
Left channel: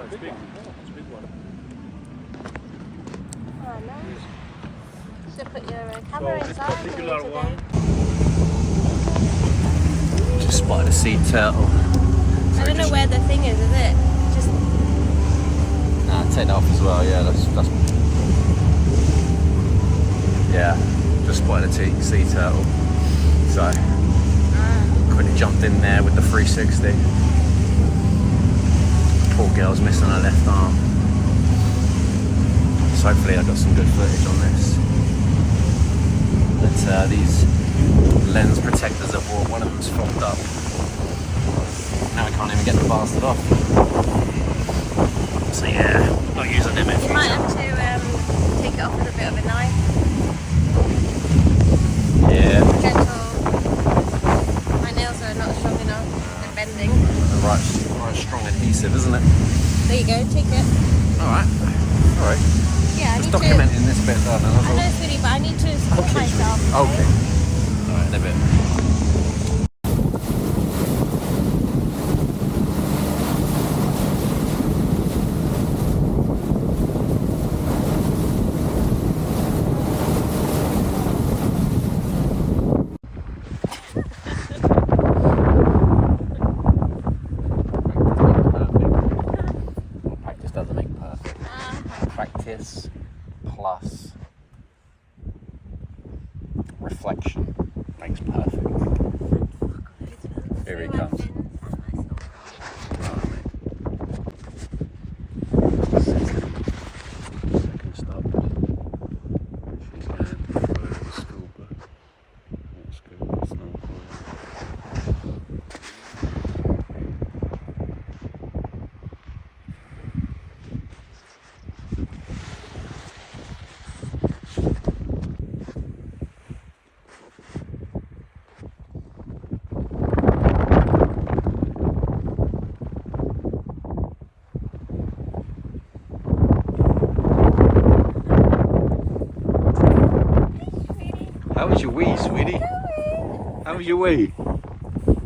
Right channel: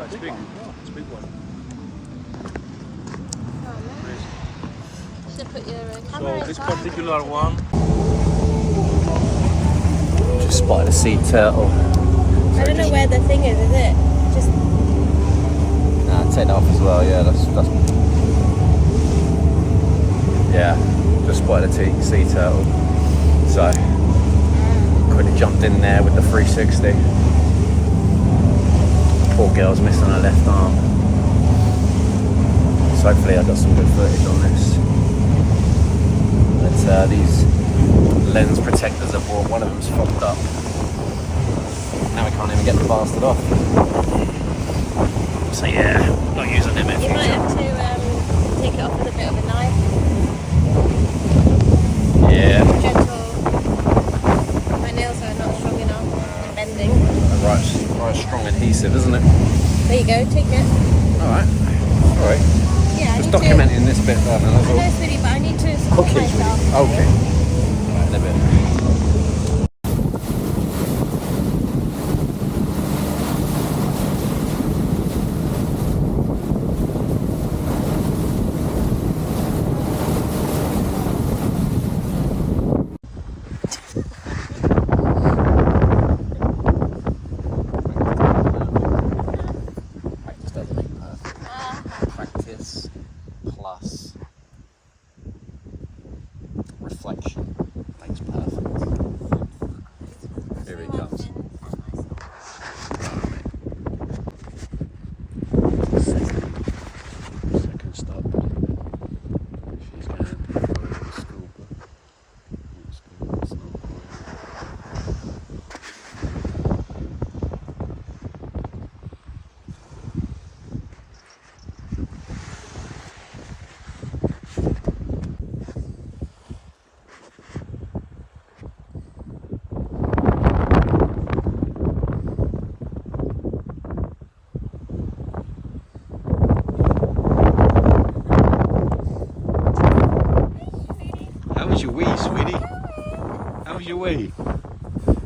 It's big. It's a big one. Should put your So camera this inside. particular one, Just spotted a sea turtle. I don't know where the thing is it? Just Nah, take that off as well. Yeah, that's yeah. Just spotted a sea turtle. So quickly jumped in there with the 360. Poor girl's missing her left arm. So hopefully I got some good footage on this. But these lens protectors I bought, one of them's fogged up. Now I can't even get the bastard off. So yeah, not using him in you might future. have to take it off with a bit of a knife. Yeah. Gentle. My nails are not strong enough. They're bending. Right strong adhesive, isn't it? There you go. Take it. Alright. Alright. Yeah. Just documenting this bit there, man. I That's know all. it's really, but I need to support Okay, myself. sweetie. Okay. Alright, in a bit. Practice doesn't make perfect. Practice plus reflection makes perfect. Here he comes. Right, mate. Second stop. She's going to the school book. That's good. That's not bad. How was your wee, sweetie? How was your wee?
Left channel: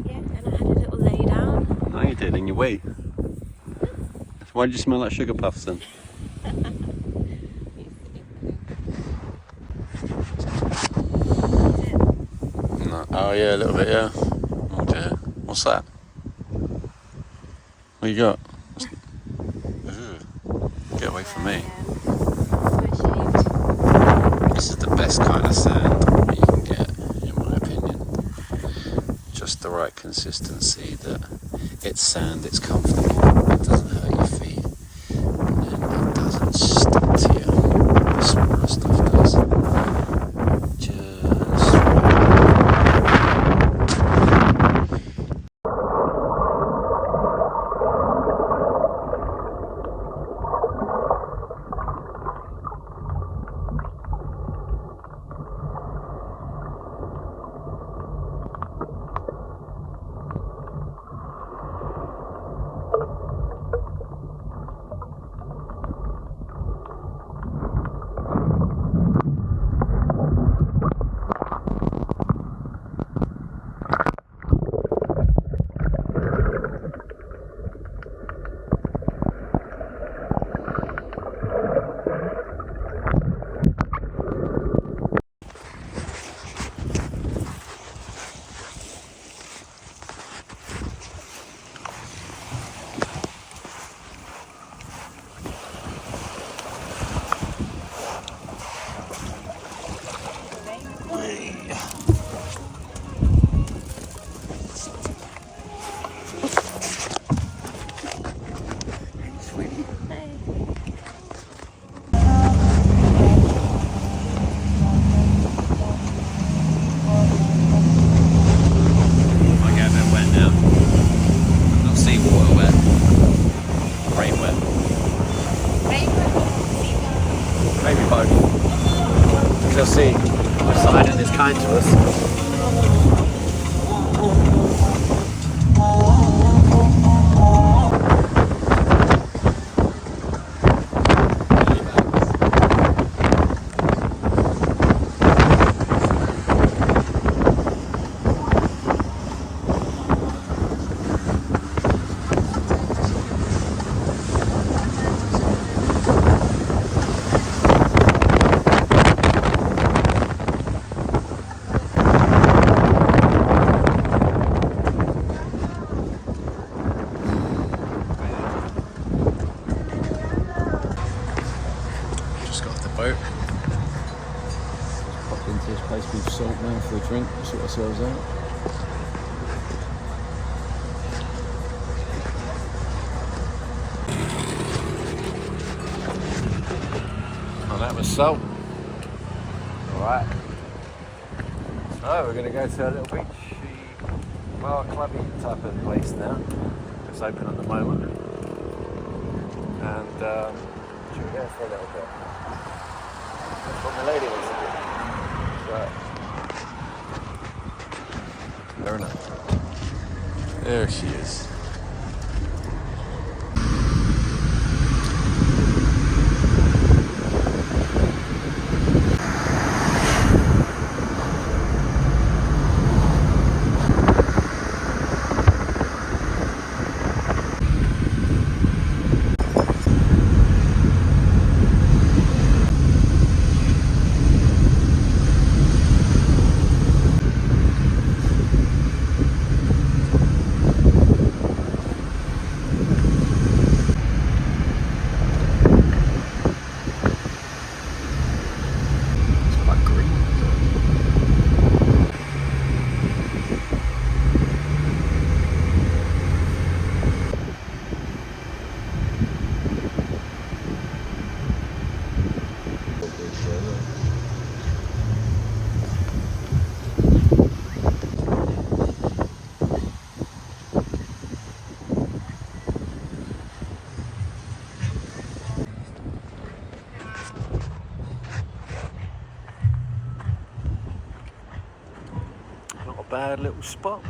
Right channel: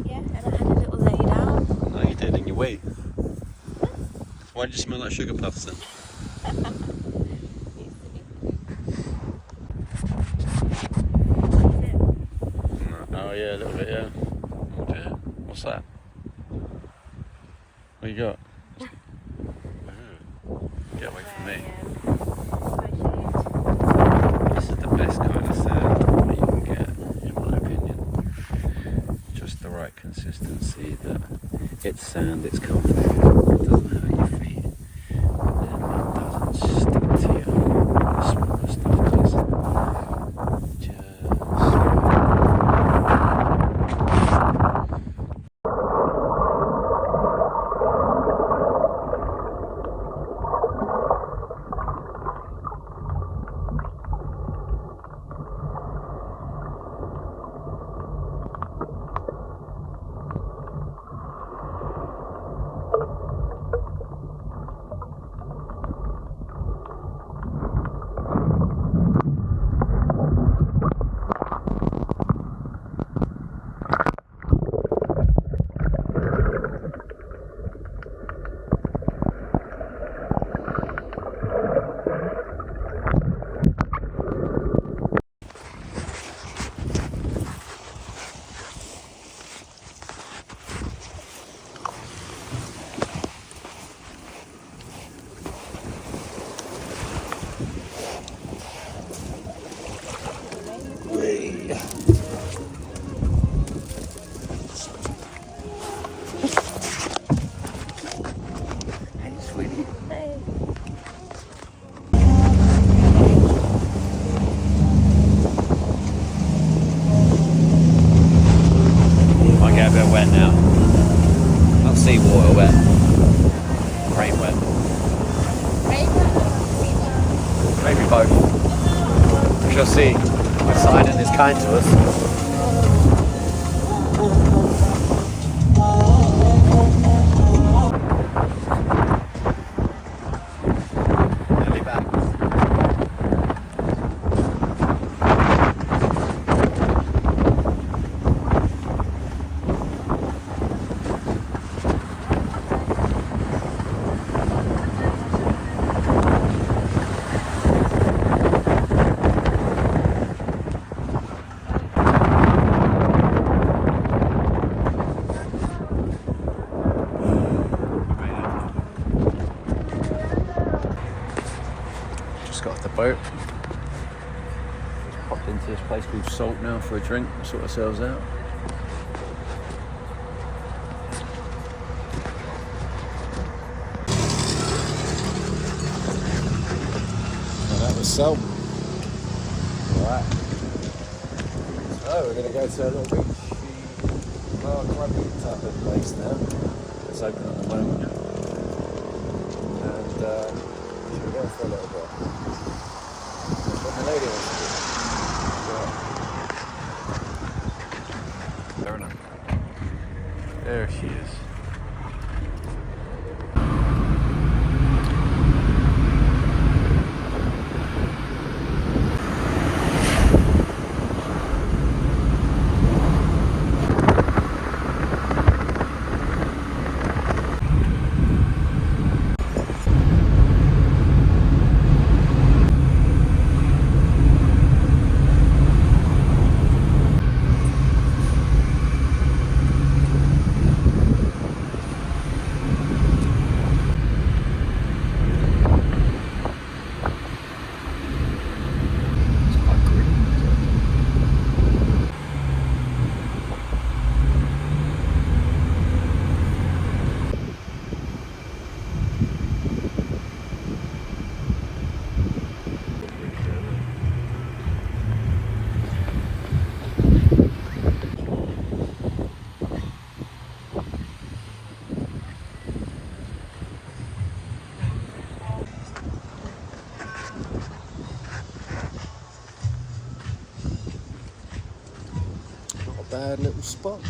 Yeah, and I had a little lay down. No, you did in your wee. Why did you smell like sugar puffs then? No. Oh yeah, a little bit, yeah. Oh dear. What's that? What you got? Ugh. Get away from me. This is the best kind of sand you can get, in my opinion. Just the right consistency that it's sand, it's comfortable, it doesn't hurt your feet, and it doesn't stick to you. The smaller stuff does. Just right. Seawater wet. Rain wet. Maybe both. We shall see. Poseidon is kind to us. boat. Just popped into this place with salt now for a drink, sort ourselves out. Well, that was salt. Alright. So we're going to go to a little beachy, bar clubby type of place now. It's open at the moment. And should we go for a little bit? That's what my lady wants to do. So, fair enough. There she is. Bad little spot.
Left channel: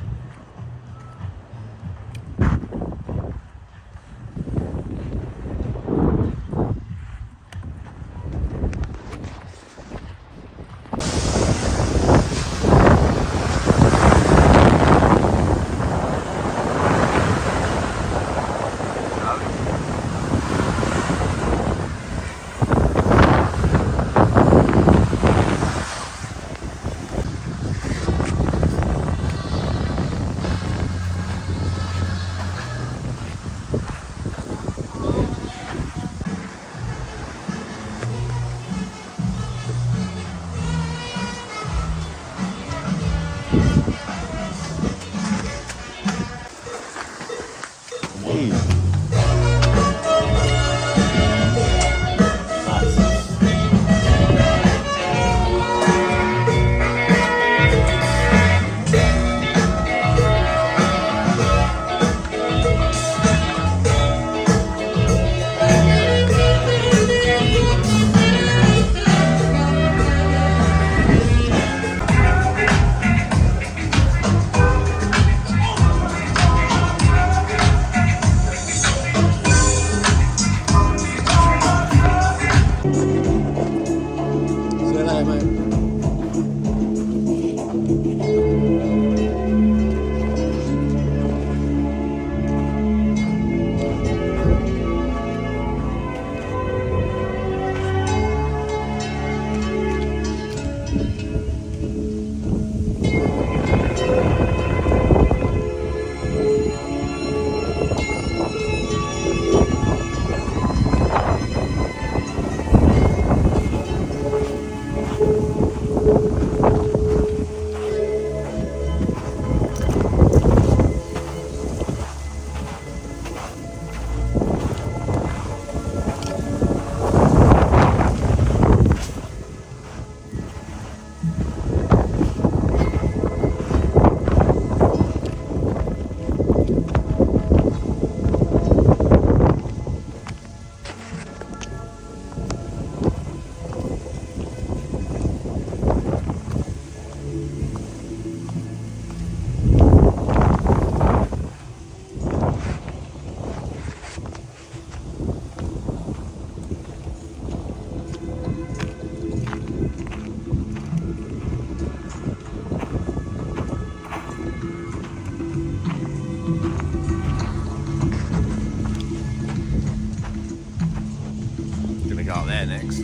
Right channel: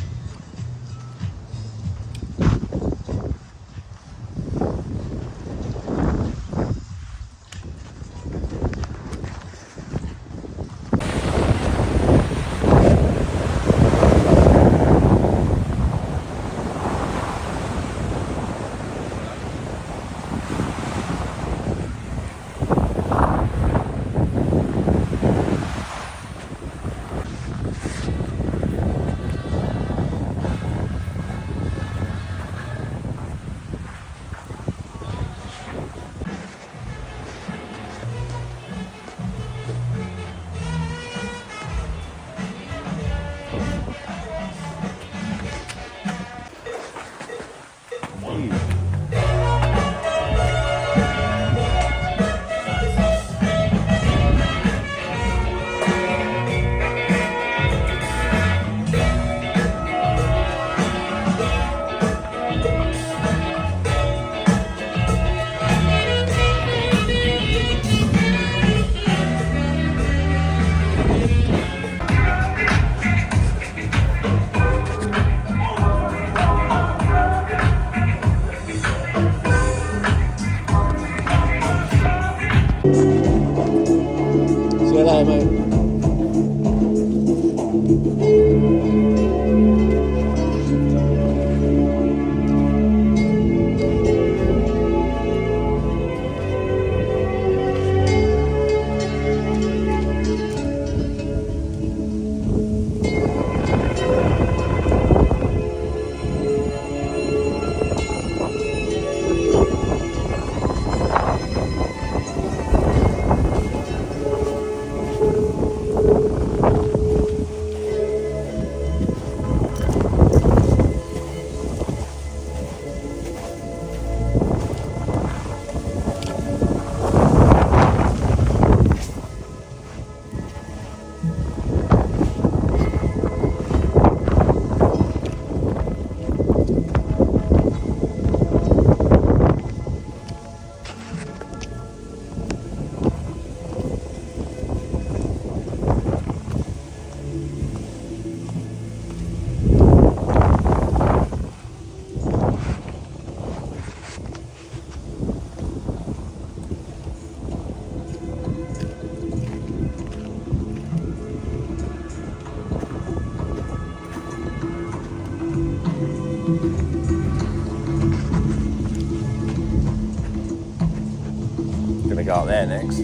Gonna go up there next.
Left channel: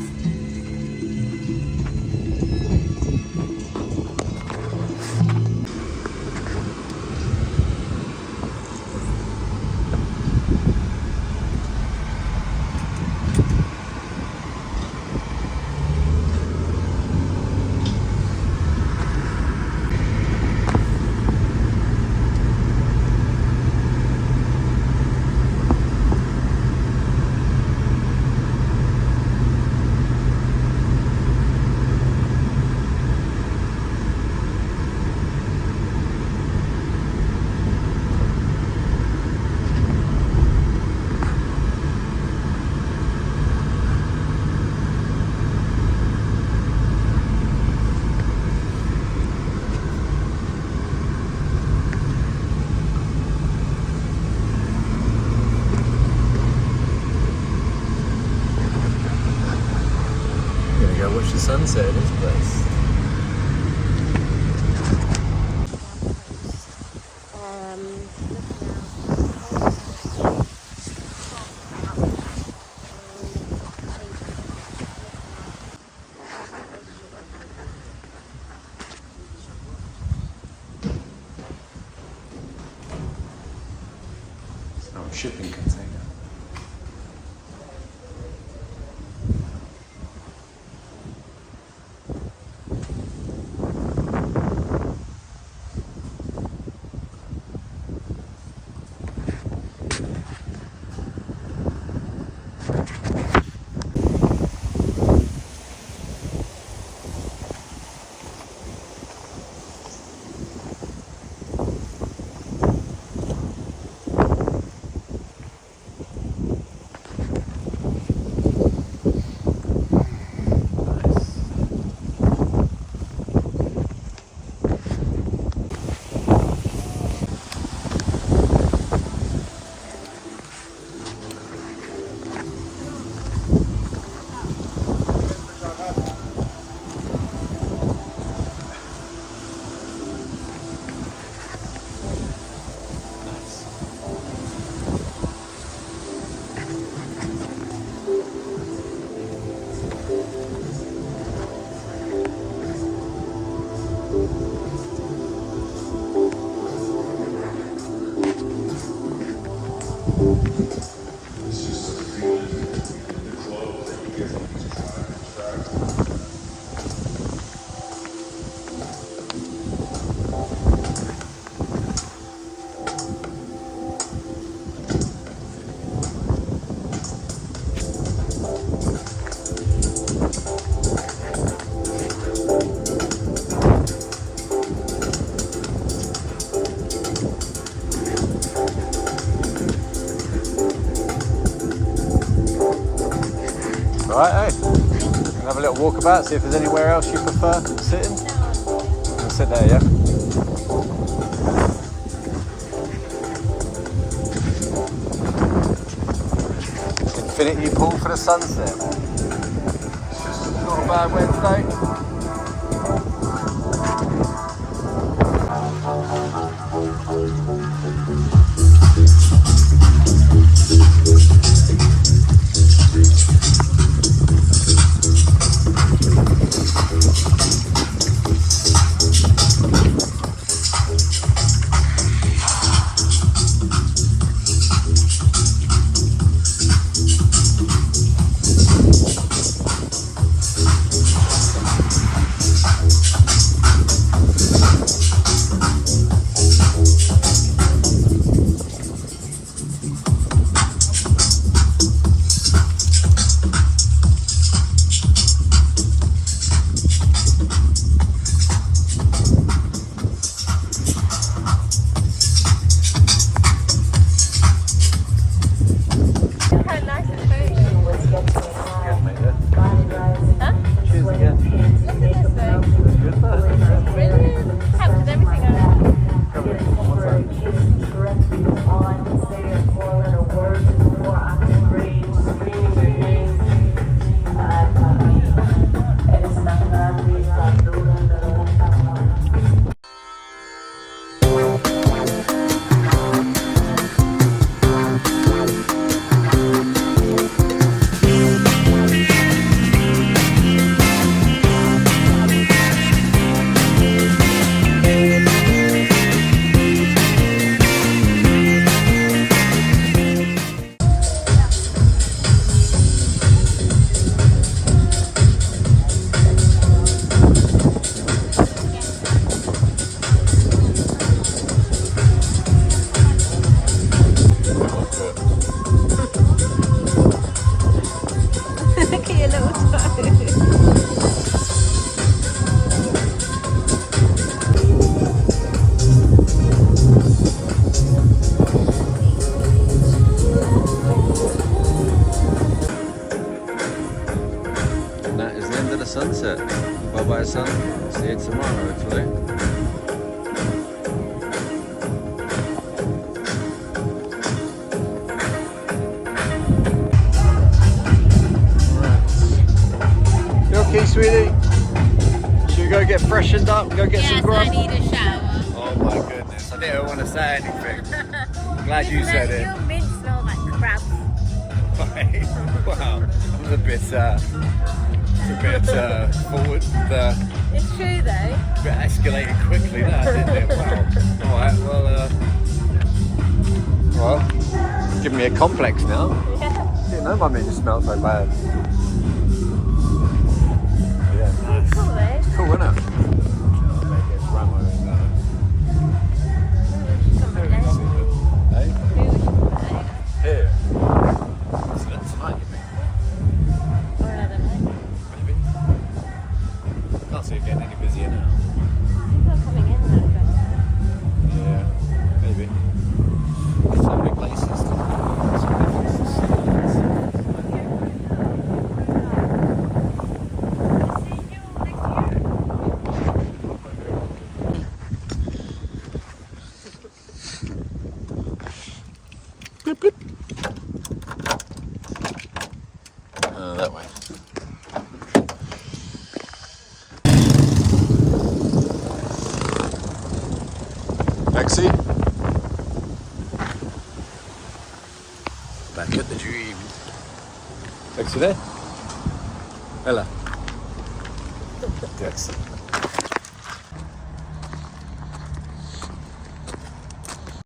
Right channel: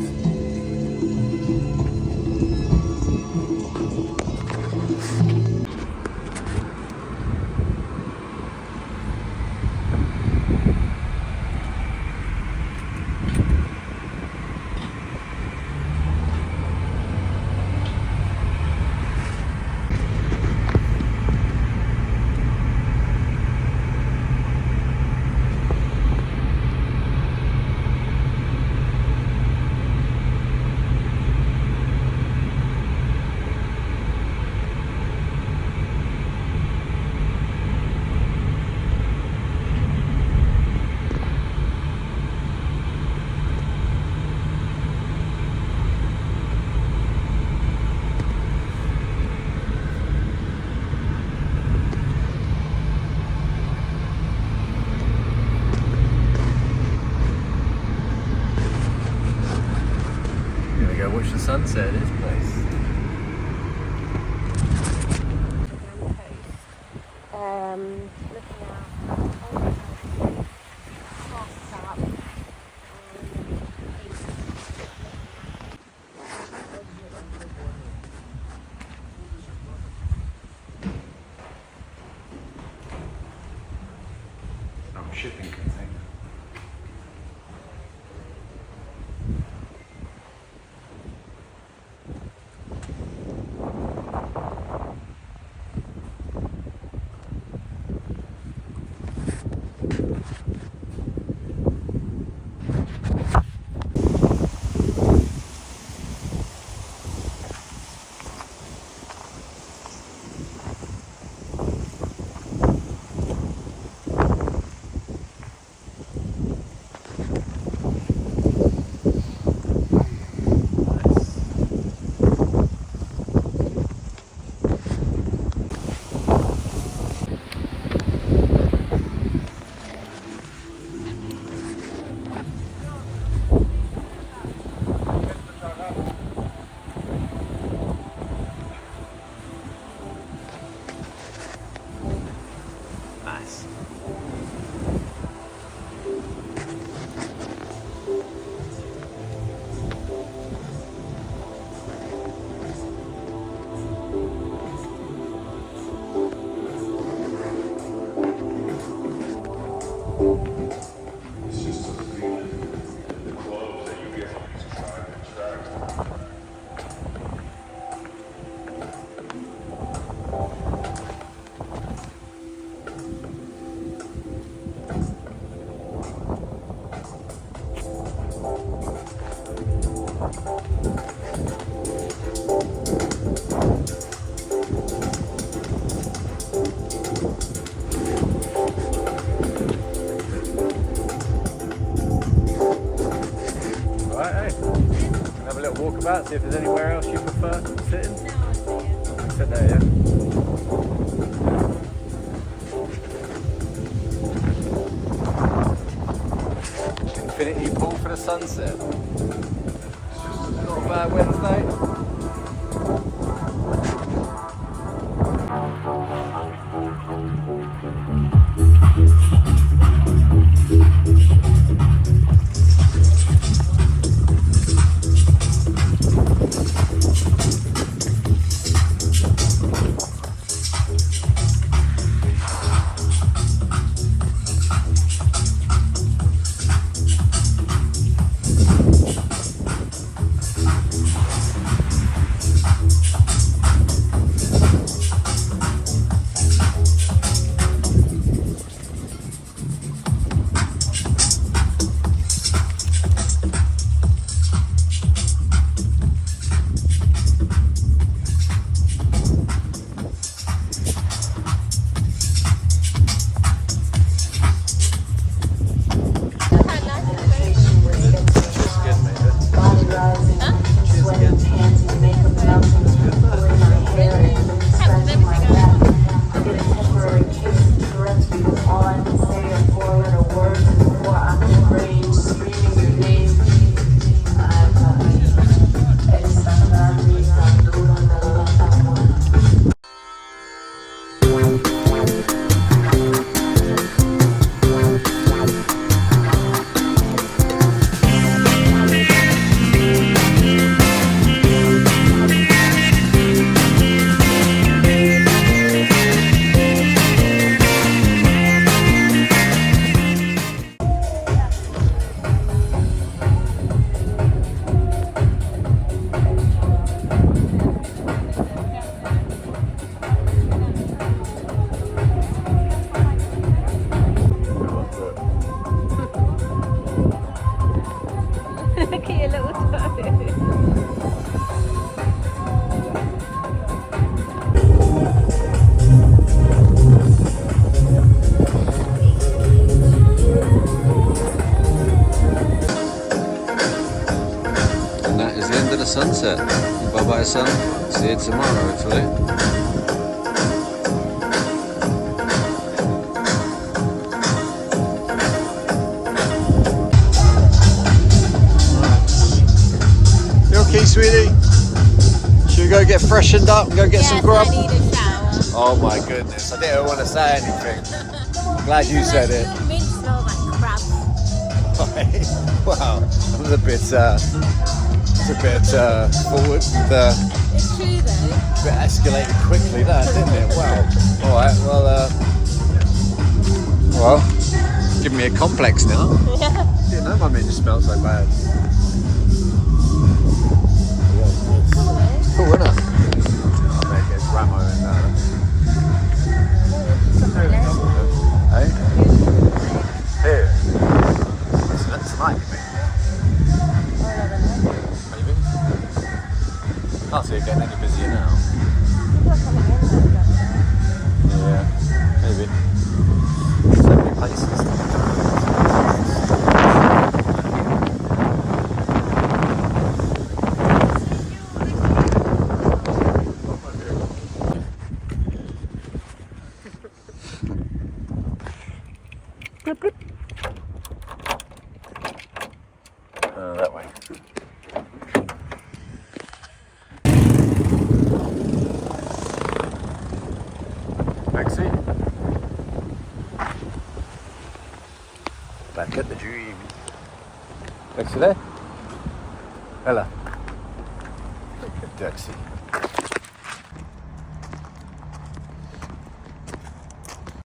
watch the sunset at this place. Oh, shipping container. Alright, hey. Have a little walk about, see if there's anywhere else you prefer sitting. We'll sit there, yeah? Infinity pool for the sunset. Not a bad Wednesday. The sunset. Bye bye sun. See you tomorrow hopefully. Right. You Becky, sweetie? Should we go get freshened up and go get some grub? I need a shower. Oh my goodness, I didn't want to say anything. Glad you said it. Your mint smells like crab. Wow, that was a bit forward. It's true though. It escalated quickly, that didn't it? Wow. All right, well, giving me a complex now. Yeah. Didn't know my mint smelled so bad. Yeah, nice. Cool, isn't it? I better get Ramo and hey? Here. So that's tonight, you mean? Maybe. Can't see it getting any busier now. People are coming in now. Yeah, maybe. So many places. That way. Taxi. Back at the dream. Taxi there? Ella. Taxi.